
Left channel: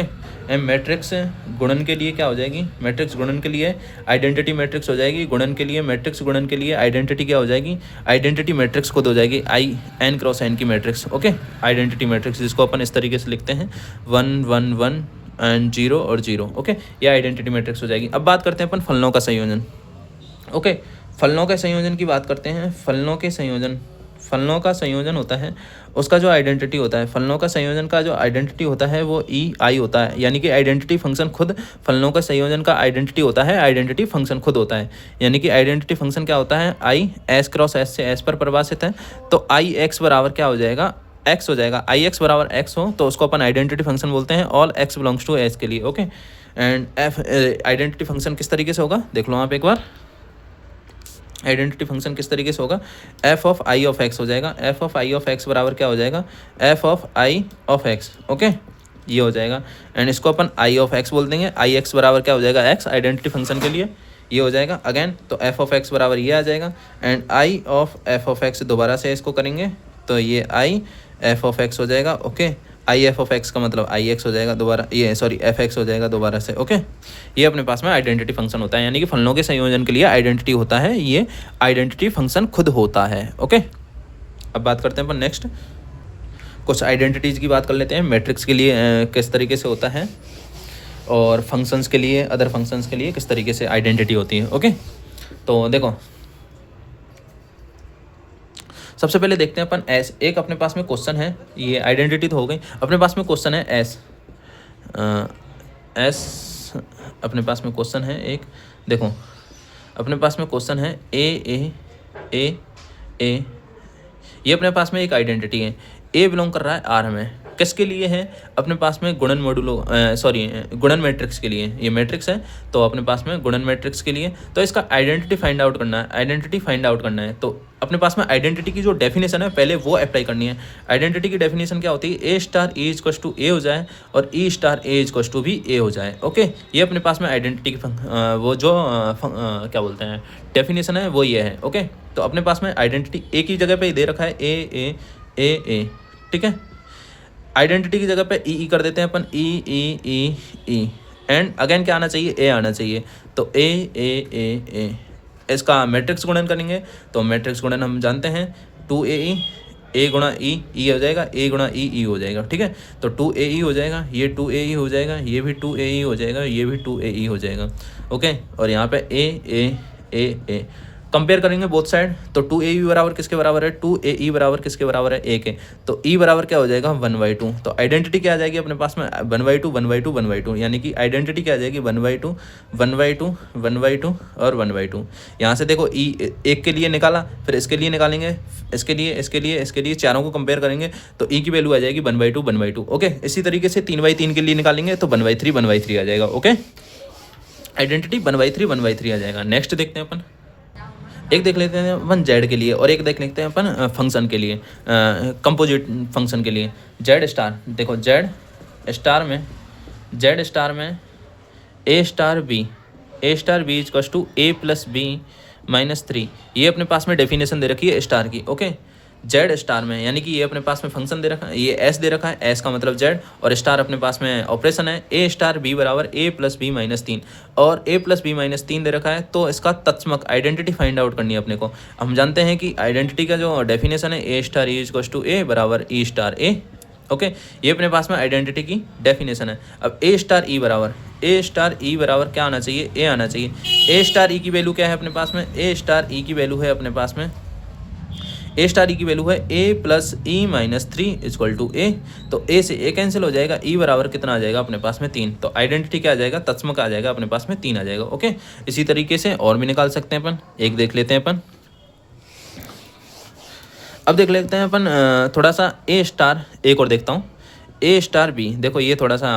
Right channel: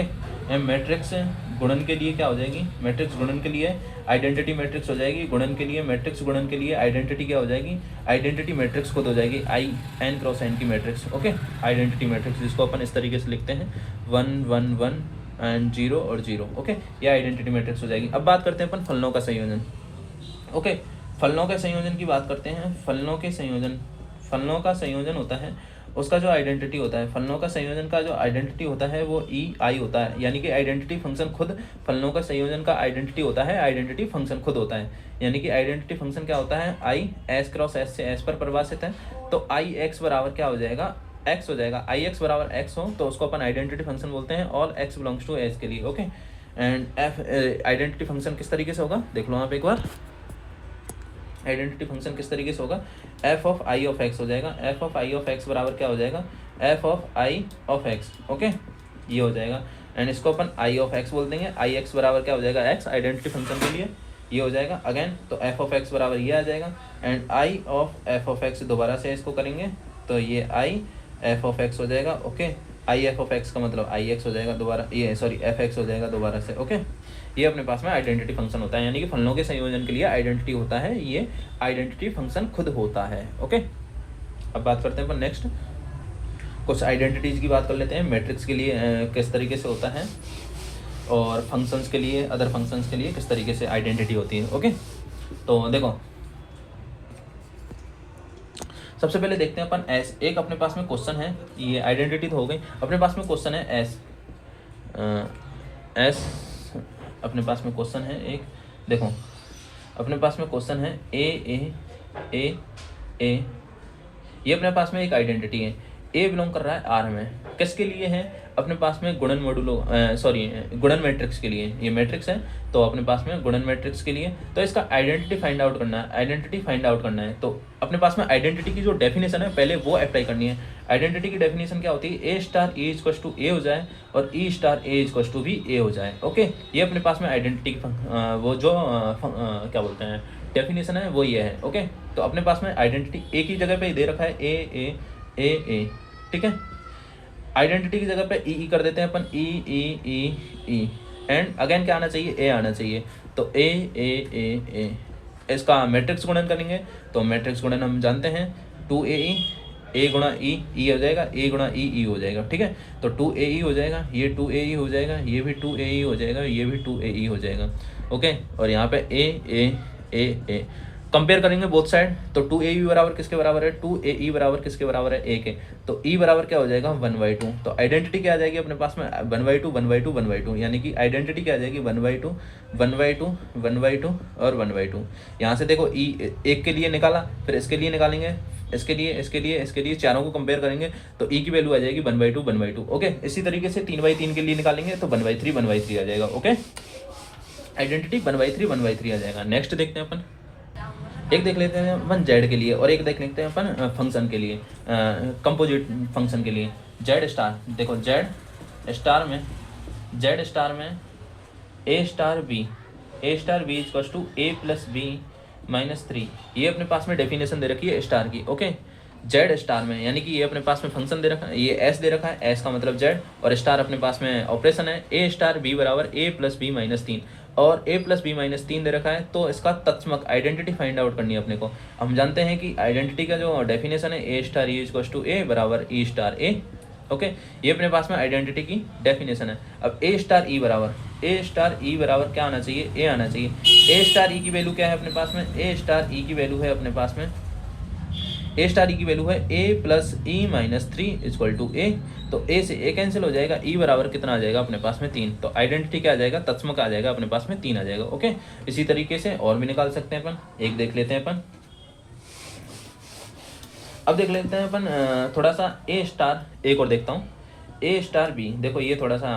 एम मैट्रिक्स गुणन के लिए क्या हो जाएगी, मैट्रिक्स गुणन के लिए आइडेंटिटी मैट्रिक्स हो जाएगी, गुणन के लिए मैट्रिक्स गुणन के लिए आइडेंटिटी क्या हो जाएगी, आइडेंटिटी मैट्रिक्स खुद हो जाएगी आई एन क्रॉस एन की मैट्रिक्स। ओके, आइडेंटिटी मैट्रिक्स जिसको अपन इस तरीके से लिखते हैं 1 1 1 एंड 0 और 0। ओके, ये आइडेंटिटी मैट्रिक्स हो जाएगी। अब बात करते हैं अपन फलनों का संयोजन। ओके, फलनों के संयोजन की बात करते हैं। फलनों का संयोजन होता है, उसका जो आइडेंटिटी होता है, फलनों का संयोजन का जो आइडेंटिटी होता है वो ई आई होता है, यानी कि आइडेंटिटी फंक्शन खुद फलनों का संयोजन का आइडेंटिटी होता है, आइडेंटिटी फंक्शन खुद होता है, यानी कि आइडेंटिटी फंक्शन क्या होता है, आई एस क्रॉस एस से एस पर परिभाषित है, तो आई एक्स बराबर क्या हो जाएगा, एक्स हो जाएगा। आई एक्स बराबर एक्स हो तो उसको अपन आइडेंटिटी फंक्शन बोलते हैं, all X belongs to S के लिए। Okay, and F identity function किस तरीके से होगा देख लो आप एक बार, आइडेंटिटी फंक्शन किस तरीके से होगा, F of I of x हो जाएगा, F of I of X बराबर क्या हो जाएगा, F of I of x. Okay, ये हो जाएगा, एंड इसको अपन आई ऑफ एक्स बोल देंगे, आई एक्स बराबर क्या हो जाएगा, एक्स आइडेंटिटी फंक्शन के लिए ये हो जाएगा अगेन, तो एफ ऑफ एक्स बराबर ये आ जाएगा, and I of F of x दोबारा से इसको करेंगे तो ये आई एफ ऑफ एक्स हो जाएगा। Okay, I F of x का मतलब आई एक्स हो जाएगा दोबारा, ये सॉरी एफ एक्स हो जाएगा दोबारा से। ओके, ये अपने पास में आइडेंटिटी फंक्शन होता है, यानी कि फलनों के संयोजन के लिए आइडेंटिटी होता है, ये आइडेंटिटी फंक्शन खुद होता है। ओके, अब बात करते हैं अपन नेक्स्ट कुछ आइडेंटिटीज़ की बात कर लेते हैं। मैट्रिक्स के लिए किस तरीके से होता है, और फंक्शंस के लिए, अदर फंक्शंस के लिए किस तरीके से आइडेंटिटी होती है। ओके, तो देखो सबसे पहले देखते हैं अपन एस। एक अपने पास में क्वेश्चन है, ये आइडेंटिटी तो हो गई, अपने पास में क्वेश्चन है एस। एस अपने पास में क्वेश्चन है एक, देखो अपने पास में क्वेश्चन है ए, ये अपने पास में एक आइडेंटिटी है, ए बिलोंग कर रहा है आर में, किसके लिए है, अपने पास में गुणन मॉडुलो गुणन मैट्रिक्स के लिए, ये मैट्रिक्स है तो अपने पास में गुणन मैट्रिक्स के लिए, तो इसका आइडेंटिटी फाइंड आउट करना है, तो अपने पास में आइडेंटिटी की जो डेफिनेशन है पहले वो अप्लाई करनी है। आइडेंटिटी की डेफिनेशन क्या होती है, ए star A equals to A हो जाए और ई स्टार ए इक्वल्स टू भी ए हो जाए। ओके, ये अपने पास में आइडेंटिटी की वो जो क्या बोलते हैं डेफिनेशन है वो ये है। ओके, तो अपने पास में आइडेंटिटी ए की जगह पे दे रखा है ए, ठीक है, आइडेंटिटी की जगह पे ई कर देते हैं अपन, ई एंड अगेन क्या आना चाहिए, ए आना चाहिए, तो ए इसका मैट्रिक्स गुणन करेंगे तो मैट्रिक्स गुणन हम जानते हैं 2AE, ए गुणा ई हो जाएगा, ए गुणा ई हो जाएगा, ठीक है, तो 2AE हो जाएगा, ये 2AE हो जाएगा, ये भी 2AE हो जाएगा, ये भी 2AE हो जाएगा। ओके, और यहाँ पे ए कंपेयर करेंगे बोथ साइड, तो 2AE बराबर किसके बराबर है, 2AE बराबर किसके बराबर है, ए के, तो ई बराबर क्या हो जाएगा 1/2, तो आइडेंटिटी क्या आ जाएगी अपने पास में 1/2 यानी कि आइडेंटिटी क्या आ जाएगी 1/2 और 1/2। यहाँ से देखो ई एक के लिए निकाला, फिर इसके लिए निकालेंगे, इसके लिए चारों को कंपेयर करेंगे तो ई की वैल्यू आ जाएगी 1/2। ओके, इसी तरीके से 3/3 के लिए निकालेंगे तो 1/3 आ जाएगा। ओके, आइडेंटिटी 1/3 आ जाएगा। नेक्स्ट देखते हैं अपन, एक देख लेते हैं अपन जेड के लिए और एक देख लेते हैं अपन फंक्शन के लिए, कंपोजिट फंक्शन के लिए। जेड स्टार, देखो जेड स्टार में A star B equals to A plus B minus 3, ये अपने पास में डेफिनेशन दे रखी है स्टार की। ओके, जेड स्टार में यानी कि ये अपने पास में फंक्शन दे रखा है, ये एस दे रखा है, एस का मतलब जेड, और स्टार अपने पास में ऑपरेशन है, ए स्टार बी बराबर ए प्लस बी माइनस 3, और ए प्लस बी माइनस 3 दे रखा है, तो इसका तत्समक आइडेंटिटी फाइंड आउट करनी है अपने को। हम जानते हैं कि आइडेंटिटी का जो डेफिनेशन है ए स्टार ई इक्वल्स टू ए बराबर ई स्टार ए। ओके, ये अपने पास में आइडेंटिटी की डेफिनेशन है। अब ए स्टार ई बराबर क्या आना चाहिए, ए आना चाहिए। ए स्टार ई की वैल्यू क्या है अपने पास में, ए स्टार ई की वैल्यू है अपने पास में, ए स्टार ई की वैल्यू है A plus E minus 3 equal to A, तो ए से ए कैंसिल हो जाएगा, ई बराबर कितना आ जाएगा अपने पास में 3, तो आइडेंटिटी क्या आ जाएगा, तत्समक आ जाएगा अपने पास में 3 आ जाएगा। ओके, इसी तरीके से और भी निकाल सकते हैं अपन, एक देख लेते हैं अपन। अब देख लेते हैं अपन थोड़ा सा ए स्टार, एक और देखता हूँ, ए स्टार बी, देखो ये थोड़ा सा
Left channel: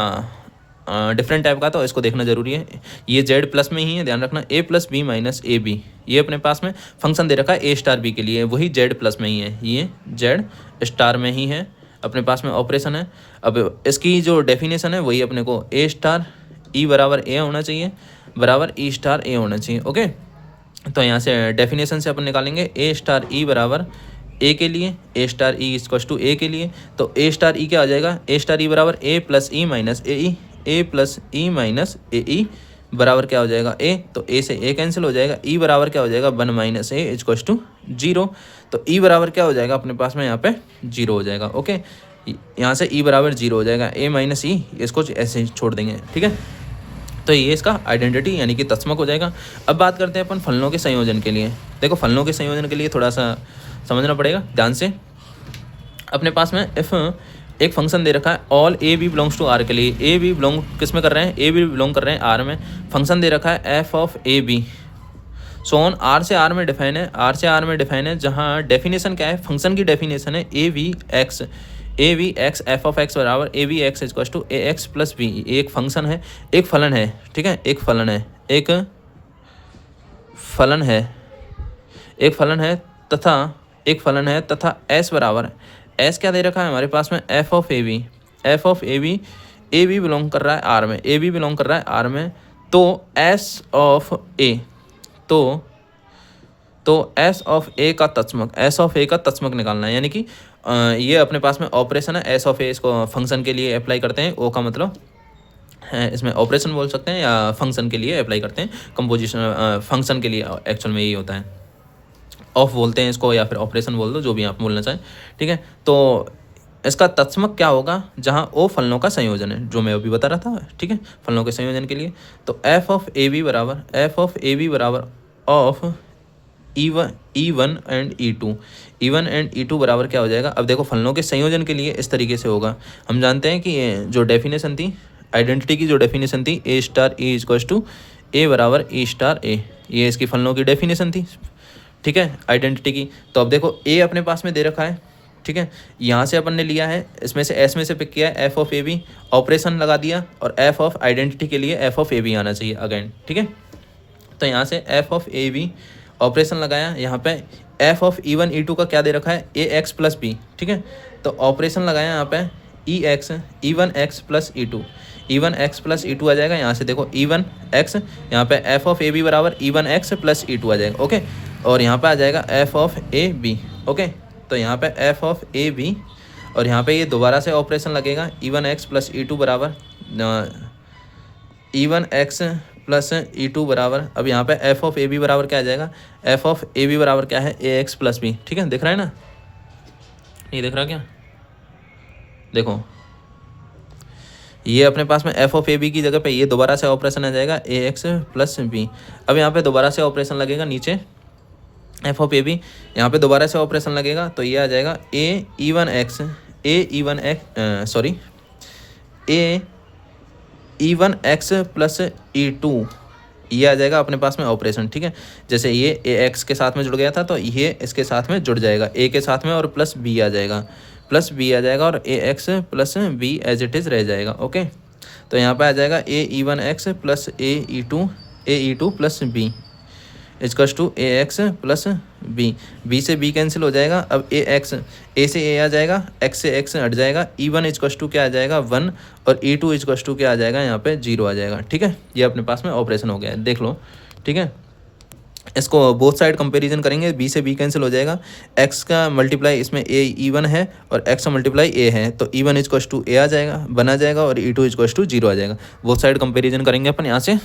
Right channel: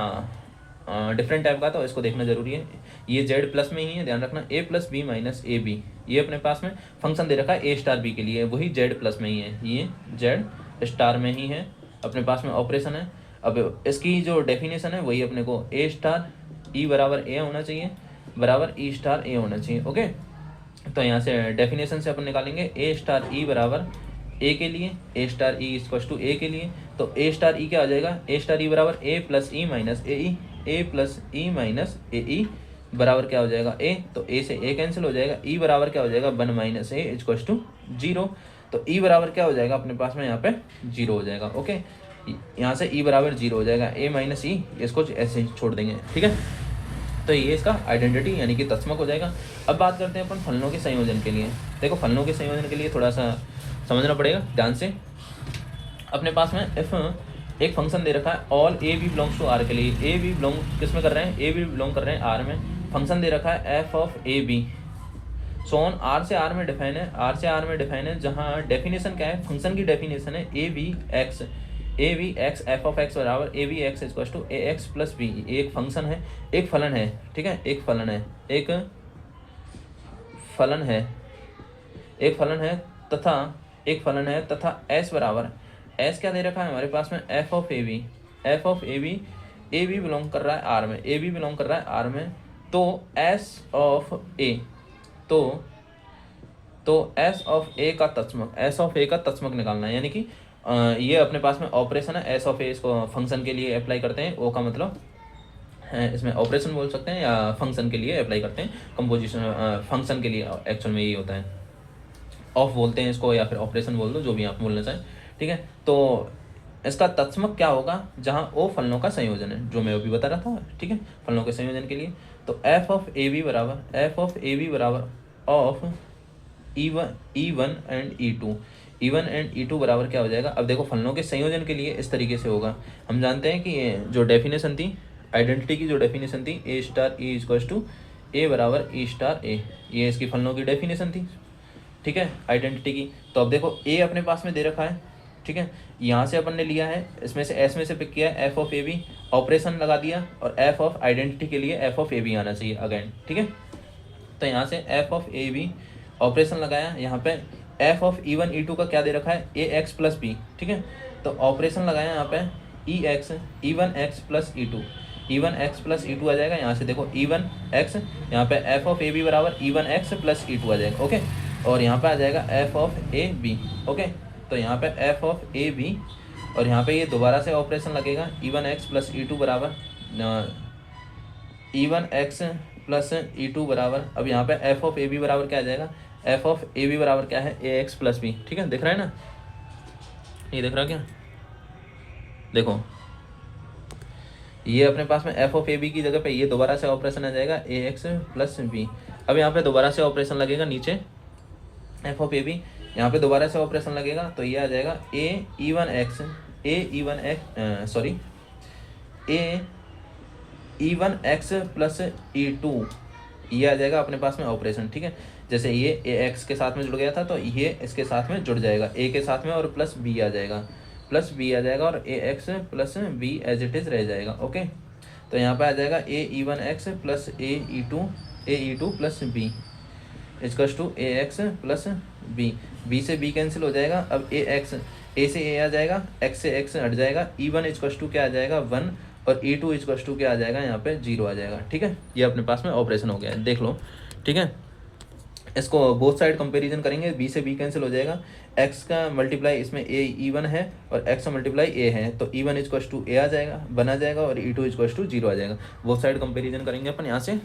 डिफरेंट टाइप का, तो इसको देखना जरूरी है। ये जेड प्लस में ही है, ध्यान रखना, A plus B minus A B, ये अपने पास में फंक्शन दे रखा है ए स्टार बी के लिए, वही जेड प्लस में ही है, ये जेड स्टार में ही है, अपने पास में ऑपरेशन है। अब इसकी जो डेफिनेशन है वही अपने को ए स्टार ई बराबर ए होना चाहिए, बराबर ई स्टार ए होना चाहिए। ओके, तो यहाँ से डेफिनेशन से अपन निकालेंगे ए स्टार ई बराबर ए के लिए, ए स्टार ई इक्वल टू ए के लिए, तो ए स्टार ई क्या हो जाएगा, ए स्टार ई बराबर ए प्लस ई माइनस ए ई, ए प्लस ई माइनस ए ई बराबर क्या हो जाएगा ए, तो ए से ए कैंसिल हो जाएगा, ई बराबर क्या हो जाएगा 1 माइनस ए इक्वल टू 0, तो ई बराबर क्या हो जाएगा अपने पास में यहाँ पे 0 हो जाएगा। ओके, यहाँ से ई बराबर 0 हो जाएगा, ए माइनस ई इसको ऐसे ही छोड़ देंगे। ठीक है, तो ये इसका आइडेंटिटी यानी कि तत्समक हो जाएगा। अब बात करते हैं अपन फलनों के संयोजन के लिए। देखो फलनों के संयोजन के लिए थोड़ा सा समझना पड़ेगा ध्यान से। अपने पास में इफ एक फंक्शन दे रखा है all A B belongs to R के लिए, ए बी बिलोंग किस में कर रहे हैं, ए बी बिलोंग कर रहे हैं आर में, फंक्शन दे रखा है F of A B, so on R से आर में डिफाइन है, आर से आर में डिफाइन है, जहाँ डेफिनेशन क्या है, फंक्शन की डेफिनेशन है A V X F of X बराबर A V X equal to A X plus B. एक फंक्शन है, एक फलन है, ठीक है, एक फलन है, एक फलन है, एक फलन है तथा एक फलन है तथा एस बराबर, एस क्या दे रखा है हमारे पास में F of A B, F of A B belong कर रहा है आर में, ए बी बिलोंग कर रहा है आर में, तो एस ऑफ ए, तो एस ऑफ ए का तत्समक, एस ऑफ ए का तत्समक निकालना है, यानी कि ये अपने पास में ऑपरेशन है एस ऑफ ए, इसको फंक्शन के लिए अप्लाई करते हैं, ओ का मतलब है इसमें ऑपरेशन बोल सकते हैं या फंक्शन के लिए अप्लाई करते हैं, कंपोजिशन फंक्शन के लिए एक्चुअल में यही होता है, ऑफ बोलते हैं इसको या फिर ऑपरेशन बोल दो, जो भी आप बोलना चाहें। ठीक है, तो इसका तत्समक क्या होगा, जहाँ ओ फलनों का संयोजन है, जो मैं अभी बता रहा था। ठीक है, फलनों के संयोजन के लिए तो एफ ऑफ ए बी बराबर of E one and E two बराबर क्या हो जाएगा। अब देखो फलनों के संयोजन के लिए इस तरीके से होगा, हम जानते हैं कि ये जो डेफिनेशन थी, आइडेंटिटी की जो डेफिनेशन थी, A star A equal to ए बराबर ए स्टार ए, ये इसकी फलनों की डेफिनेशन थी। ठीक है, आइडेंटिटी की। तो अब देखो ए अपने पास में दे रखा है, ठीक है, यहाँ से अपन ने लिया है, इसमें से एस में से पिक किया है F of A B, operation लगा दिया, और एफ ऑफ आइडेंटिटी के लिए एफ ऑफ ए बी आना चाहिए अगेन। ठीक है, तो यहाँ से F of A B operation लगाया, यहाँ पे F of E one E two का क्या दे रखा है ए एक्स प्लस बी। ठीक है, तो ऑपरेशन लगाया यहाँ पे E one X plus E two आ जाएगा। यहाँ से देखो ई वन एक्स, यहाँ पे एफ ऑफ ए बी बराबर E one X plus E two आ जाएगा। ओके, और यहाँ पे आ जाएगा F of A B. Okay, तो यहाँ पे एफ ऑफ ए बी, और यहाँ पे ये दोबारा से ऑपरेशन लगेगा E one X plus E two बराबर E one X plus E two बराबर, अब यहाँ पे एफ ऑफ ए बी बराबर क्या आ जाएगा, एफ ऑफ ए बी बराबर क्या है ए एक्स प्लस बी। ठीक है, दिख रहा है ना, नहीं दिख रहा क्या, देखो ये अपने पास में एफ ऑफ ए बी की जगह पे ये दोबारा से ऑपरेशन आ जाएगा ए एक्स प्लस बी। अब यहाँ पे दोबारा से ऑपरेशन लगेगा नीचे एफ ऑफ ए बी, यहाँ पे दोबारा से ऑपरेशन लगेगा, तो ये आ जाएगा A E one X E one X plus E two, ये आ जाएगा अपने पास में ऑपरेशन। ठीक है, जैसे ये ए एक्स के साथ में जुड़ गया था, तो ये इसके साथ में जुड़ जाएगा ए के साथ में, और प्लस बी आ जाएगा, और A X plus B as it is रह जाएगा। ओके, तो यहाँ पे आ जाएगा A E one X plus A E two plus B equals to A X plus B, B से बी कैंसिल हो जाएगा। अब ए एक्स, ए से ए आ जाएगा, एक्स से एक्स हट जाएगा, ई वन इक्वल्स टू क्या आ जाएगा 1, और ई टू इक्वल्स टू क्या आ जाएगा यहाँ पे 0 आ जाएगा। ठीक है, ये अपने पास में ऑपरेशन हो गया है, देख लो। ठीक है, इसको बोथ साइड कंपैरिजन करेंगे, बी से बी कैंसिल हो जाएगा, एक्स का मल्टीप्लाई इसमें ए ई वन है और एक्स का मल्टीप्लाई ए है, तो ई वन इक्वल्स टू ए आ जाएगा, बना जाएगा, और ई टू इक्वल्स टू 0 आ जाएगा। बोथ साइड कंपैरिजन करेंगे अपन यहाँ से।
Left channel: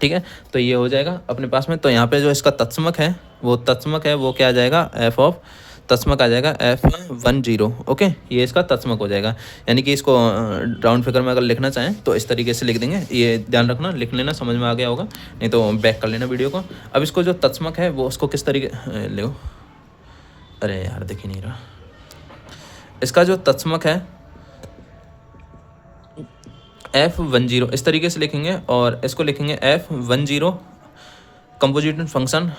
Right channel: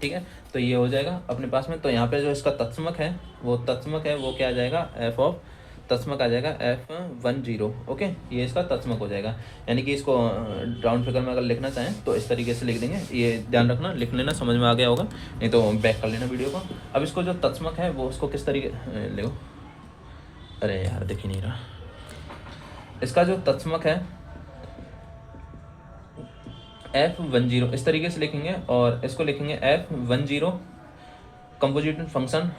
ठीक है, तो ये हो जाएगा अपने पास में। तो यहाँ पे जो इसका तत्समक है वो क्या आ जाएगा, एफ ऑफ तत्समक आ जाएगा F10। ओके, ये इसका तत्समक हो जाएगा, यानी कि इसको राउंड फिगर में अगर लिखना चाहें तो इस तरीके से लिख देंगे। ये ध्यान रखना, लिख लेना, समझ में आ गया होगा, नहीं तो बैक कर लेना वीडियो को। अब इसको जो तत्समक है वो उसको किस तरीके ले, अरे यार दिख ही नहीं रहा, इसका जो तत्समक है F10 इस तरीके से लिखेंगे, और इसको लिखेंगे F10 composite function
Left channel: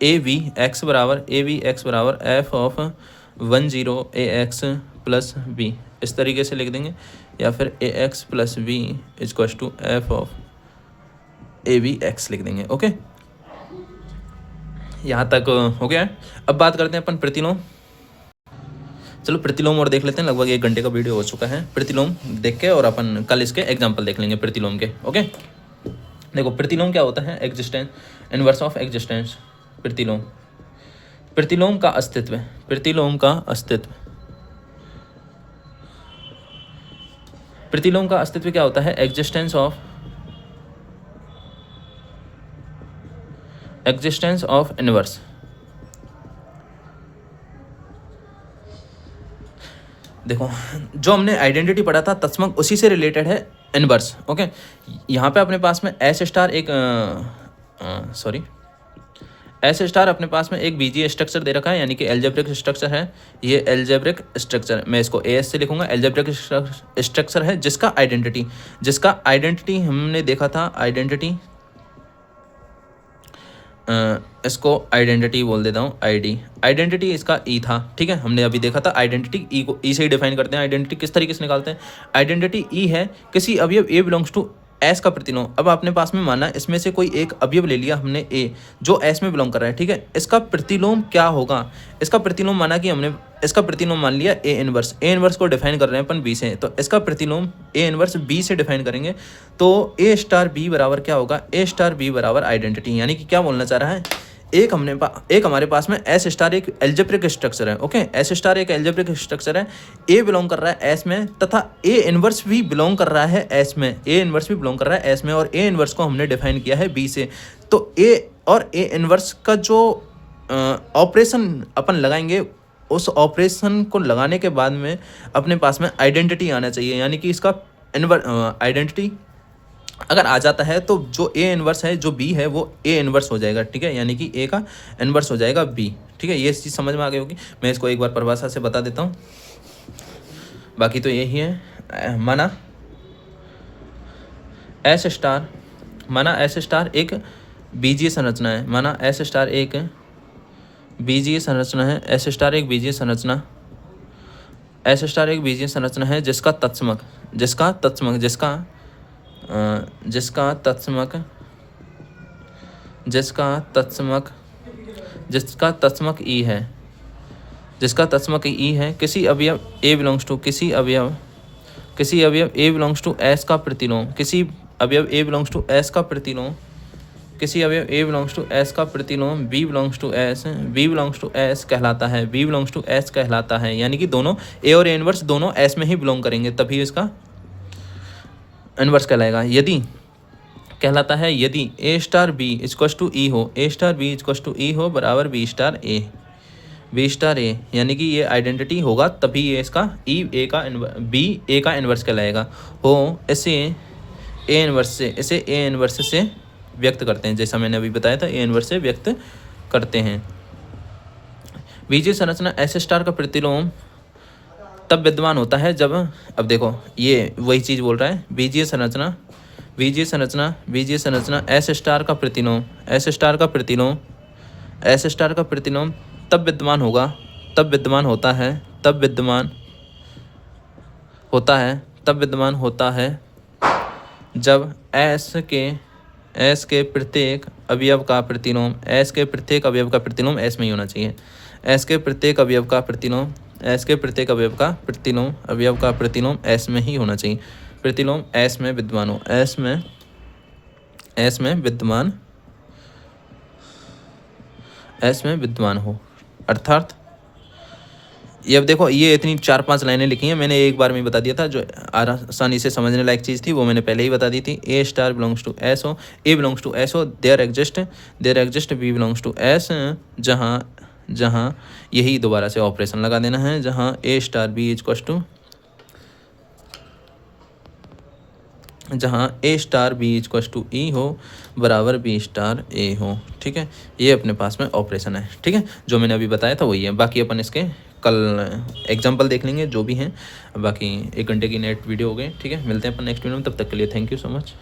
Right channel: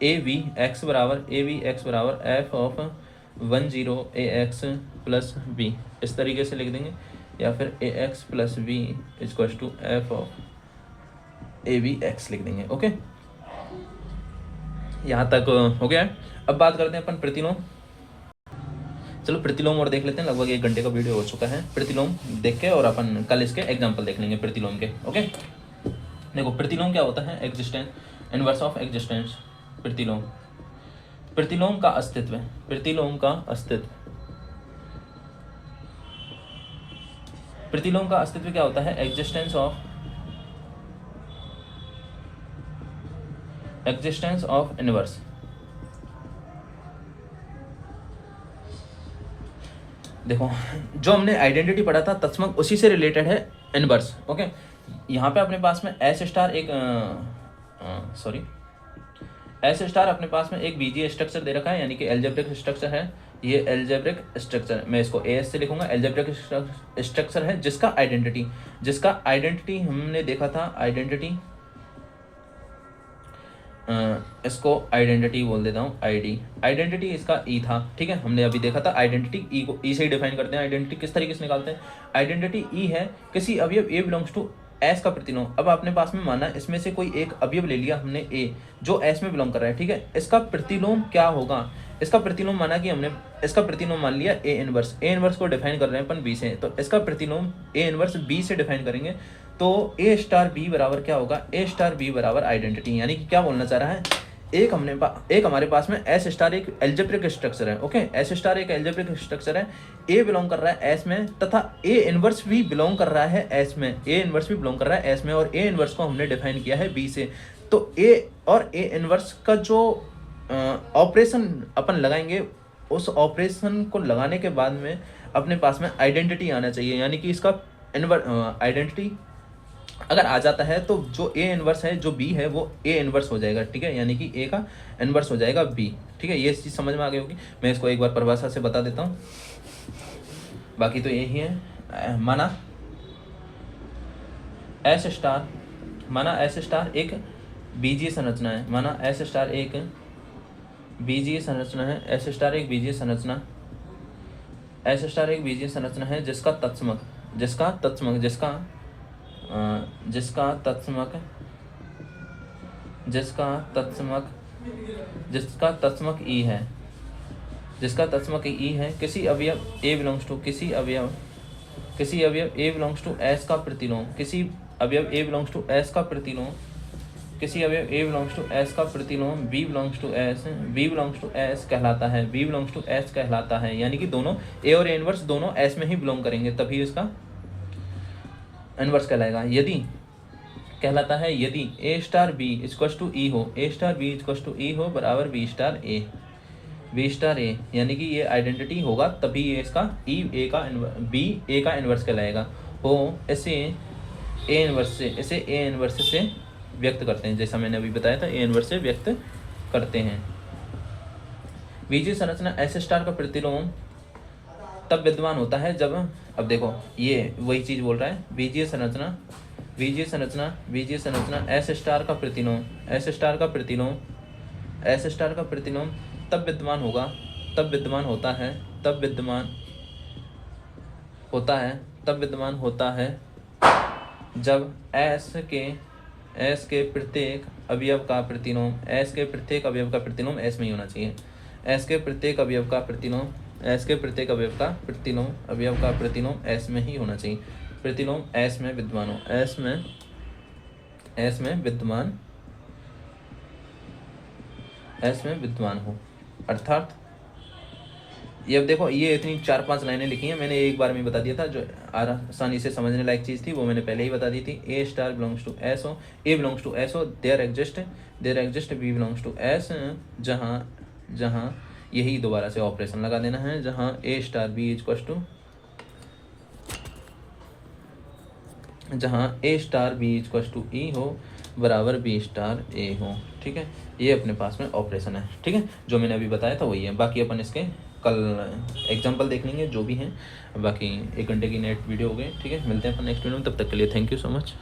A V X बराबर F of 10 A X plus B, इस तरीके से लिख देंगे, या फिर A X plus B equals to F of A V X लिख देंगे। ओके, यहाँ तक हो गया। अब बात करते हैं अपन प्रतिलोम। चलो प्रतिलोम और देख लेते हैं, लगभग 1 घंटे का वीडियो हो चुका है। प्रतिलोम देख के और अपन कल इसके एग्जाम्पल देख लेंगे प्रतिलोम के। ओके, देखो प्रतिलोम क्या होता है, एग्जिस्टेंस, इनवर्स ऑफ एग्जिस्टेंस। प्रतिलोम, प्रतिलोम का अस्तित्व, प्रतिलोम का अस्तित्व, प्रतिलोम का अस्तित्व क्या होता है, existence of, existence of inverse. देखो जो हमने आइडेंटिटी पढ़ा था तत्समक, उसी से रिलेटेड है इनवर्स। ओके, यहाँ पे अपने पास में एस स्टार एक एस स्टार अपने पास में एक बीजीय स्ट्रक्चर दे रखा है, यानी कि एल्जेब्रिक स्ट्रक्चर है। ये एल्जेब्रिक स्ट्रक्चर, मैं इसको एस से लिखूंगा, एल्जेब्रिक स्ट्रक्चर है जिसका आइडेंटिटी हमने देखा था, आइडेंटिटी, इसको आइडेंटिटी बोल देता हूँ, आइडेंटिटी इसका ई था। ठीक है, हमने अभी देखा था आइडेंटिटी ई को ई से ही डिफाइन करते हैं। आइडेंटिटी किस तरीके से निकालते हैं, आइडेंटिटी ई है किसी अवयव ए बिलोंग्स टू एस का प्रतिलोम। अब आपने पास में माना इसमें से कोई एक अवयव ले लिया हमने ए, जो एस में बिलोंग कर रहा है। ठीक है, इसका प्रतिलोम क्या होगा, इसका प्रतिलोम माना कि हमने इसका प्रतिलोम मान लिया ए इनवर्स। ए इनवर्स को डिफाइन कर रहे हैं अपन बी से, तो इसका प्रतिलोम ए इनवर्स बी से डिफाइन करेंगे। तो ए स्टार बी बराबर क्या होगा, ए स्टार बी बराबर आइडेंटिटी। यानी कि क्या बोलना चाह रहा है, एक हमारे पास में एस स्टार एक एल्जेब्रिक स्ट्रक्चर है। ओके, एस स्टार एक एल्जेब्रिक स्ट्रक्चर है, ए बिलोंग कर रहा है एस में, तथा ए इनवर्स भी बिलोंग कर रहा है एस में, ए इनवर्स भी बिलोंग कर रहा है एस में, और ए इनवर्स को हमने डिफाइन किया है बी से। तो ए और ए इनवर्स का जो ऑपरेशन अपन लगाएंगे, उस ऑपरेशन को लगाने के बाद में अपने पास में आइडेंटिटी आना चाहिए। यानी कि इसका आइडेंटिटी अगर आ जाता है तो जो ए इनवर्स है, जो बी है, वो ए इनवर्स हो जाएगा। ठीक है, यानी कि ए का इनवर्स हो जाएगा बी। ठीक है, ये चीज़ समझ में आ गई होगी। मैं इसको एक बार परिभाषा से बता देता हूँ, बाकी तो यही है। माना एस स्टार एक बीजीय संरचना है, माना एस स्टार एक बीजीय संरचना है, एस स्टार एक बीजीय संरचना, एस स्टार एक बीजीय संरचना है जिसका तत्समक ई है, जिसका तत्समक ई है किसी अवयव ए बिलोंग्स टू, किसी अवयव ए बिलोंग्स टू एस का प्रतिलोम, किसी अवयव ए बिलोंग्स टू एस का प्रतिलोम, किसी अवयव ए बिलोंग्स टू एस का प्रतिलोम बी बिलोंग्स टू एस कहलाता है, बी बिलोंग्स टू एस कहलाता है। यानी कि दोनों ए और ए इनवर्स दोनों एस में ही बिलोंग करेंगे, तभी इसका इनवर्स कहलाएगा। यदि कहलाता है यदि ए star B equals to E हो, ए star B equals to E हो बराबर बी स्टार ए, यानी कि ये आइडेंटिटी होगा तभी ये इसका ई ए का बी ए का इनवर्स कहलाएगा। हो इसे ए इनवर्स से व्यक्त करते हैं, जैसा मैंने अभी बताया था, ए इनवर्स से व्यक्त करते हैं। बीजीय संरचना एस स्टार का प्रतिलोम तब विद्यमान होता है जब, अब देखो ये वही चीज़ बोल रहा है, बीजीय संरचना एस स्टार का प्रतिलोम तब विद्यमान होता है जब एस के प्रत्येक अवयव का प्रतिलोम एस में ही होना चाहिए। एस के प्रत्येक अवयव का प्रतिलोम एस में ही होना चाहिए। प्रतिलोम एस में विद्यमान हो, अर्थात ये अब देखो ये इतनी 4-5 लाइनें लिखी हैं, मैंने एक बार में बता दिया था। जो आसानी से समझने लायक चीज़ थी वो मैंने पहले ही बता दी थी। A star belongs to S हो, ए बिलोंग्स टू एस हो, there exist B belongs to S, जहाँ यही दोबारा से ऑपरेशन लगा देना है, जहाँ A star B equals to E हो बराबर बी स्टार ए हो। ठीक है, ये अपने पास में ऑपरेशन है। ठीक है, जो मैंने अभी बताया था वही है। बाकी अपन इसके कल एग्जाम्पल देख लेंगे जो भी हैं। बाकी 1 घंटे की नेट वीडियो हो गई। ठीक है, मिलते हैं अपन नेक्स्ट वीडियो में, तब तक के लिए थैंक यू सो मच।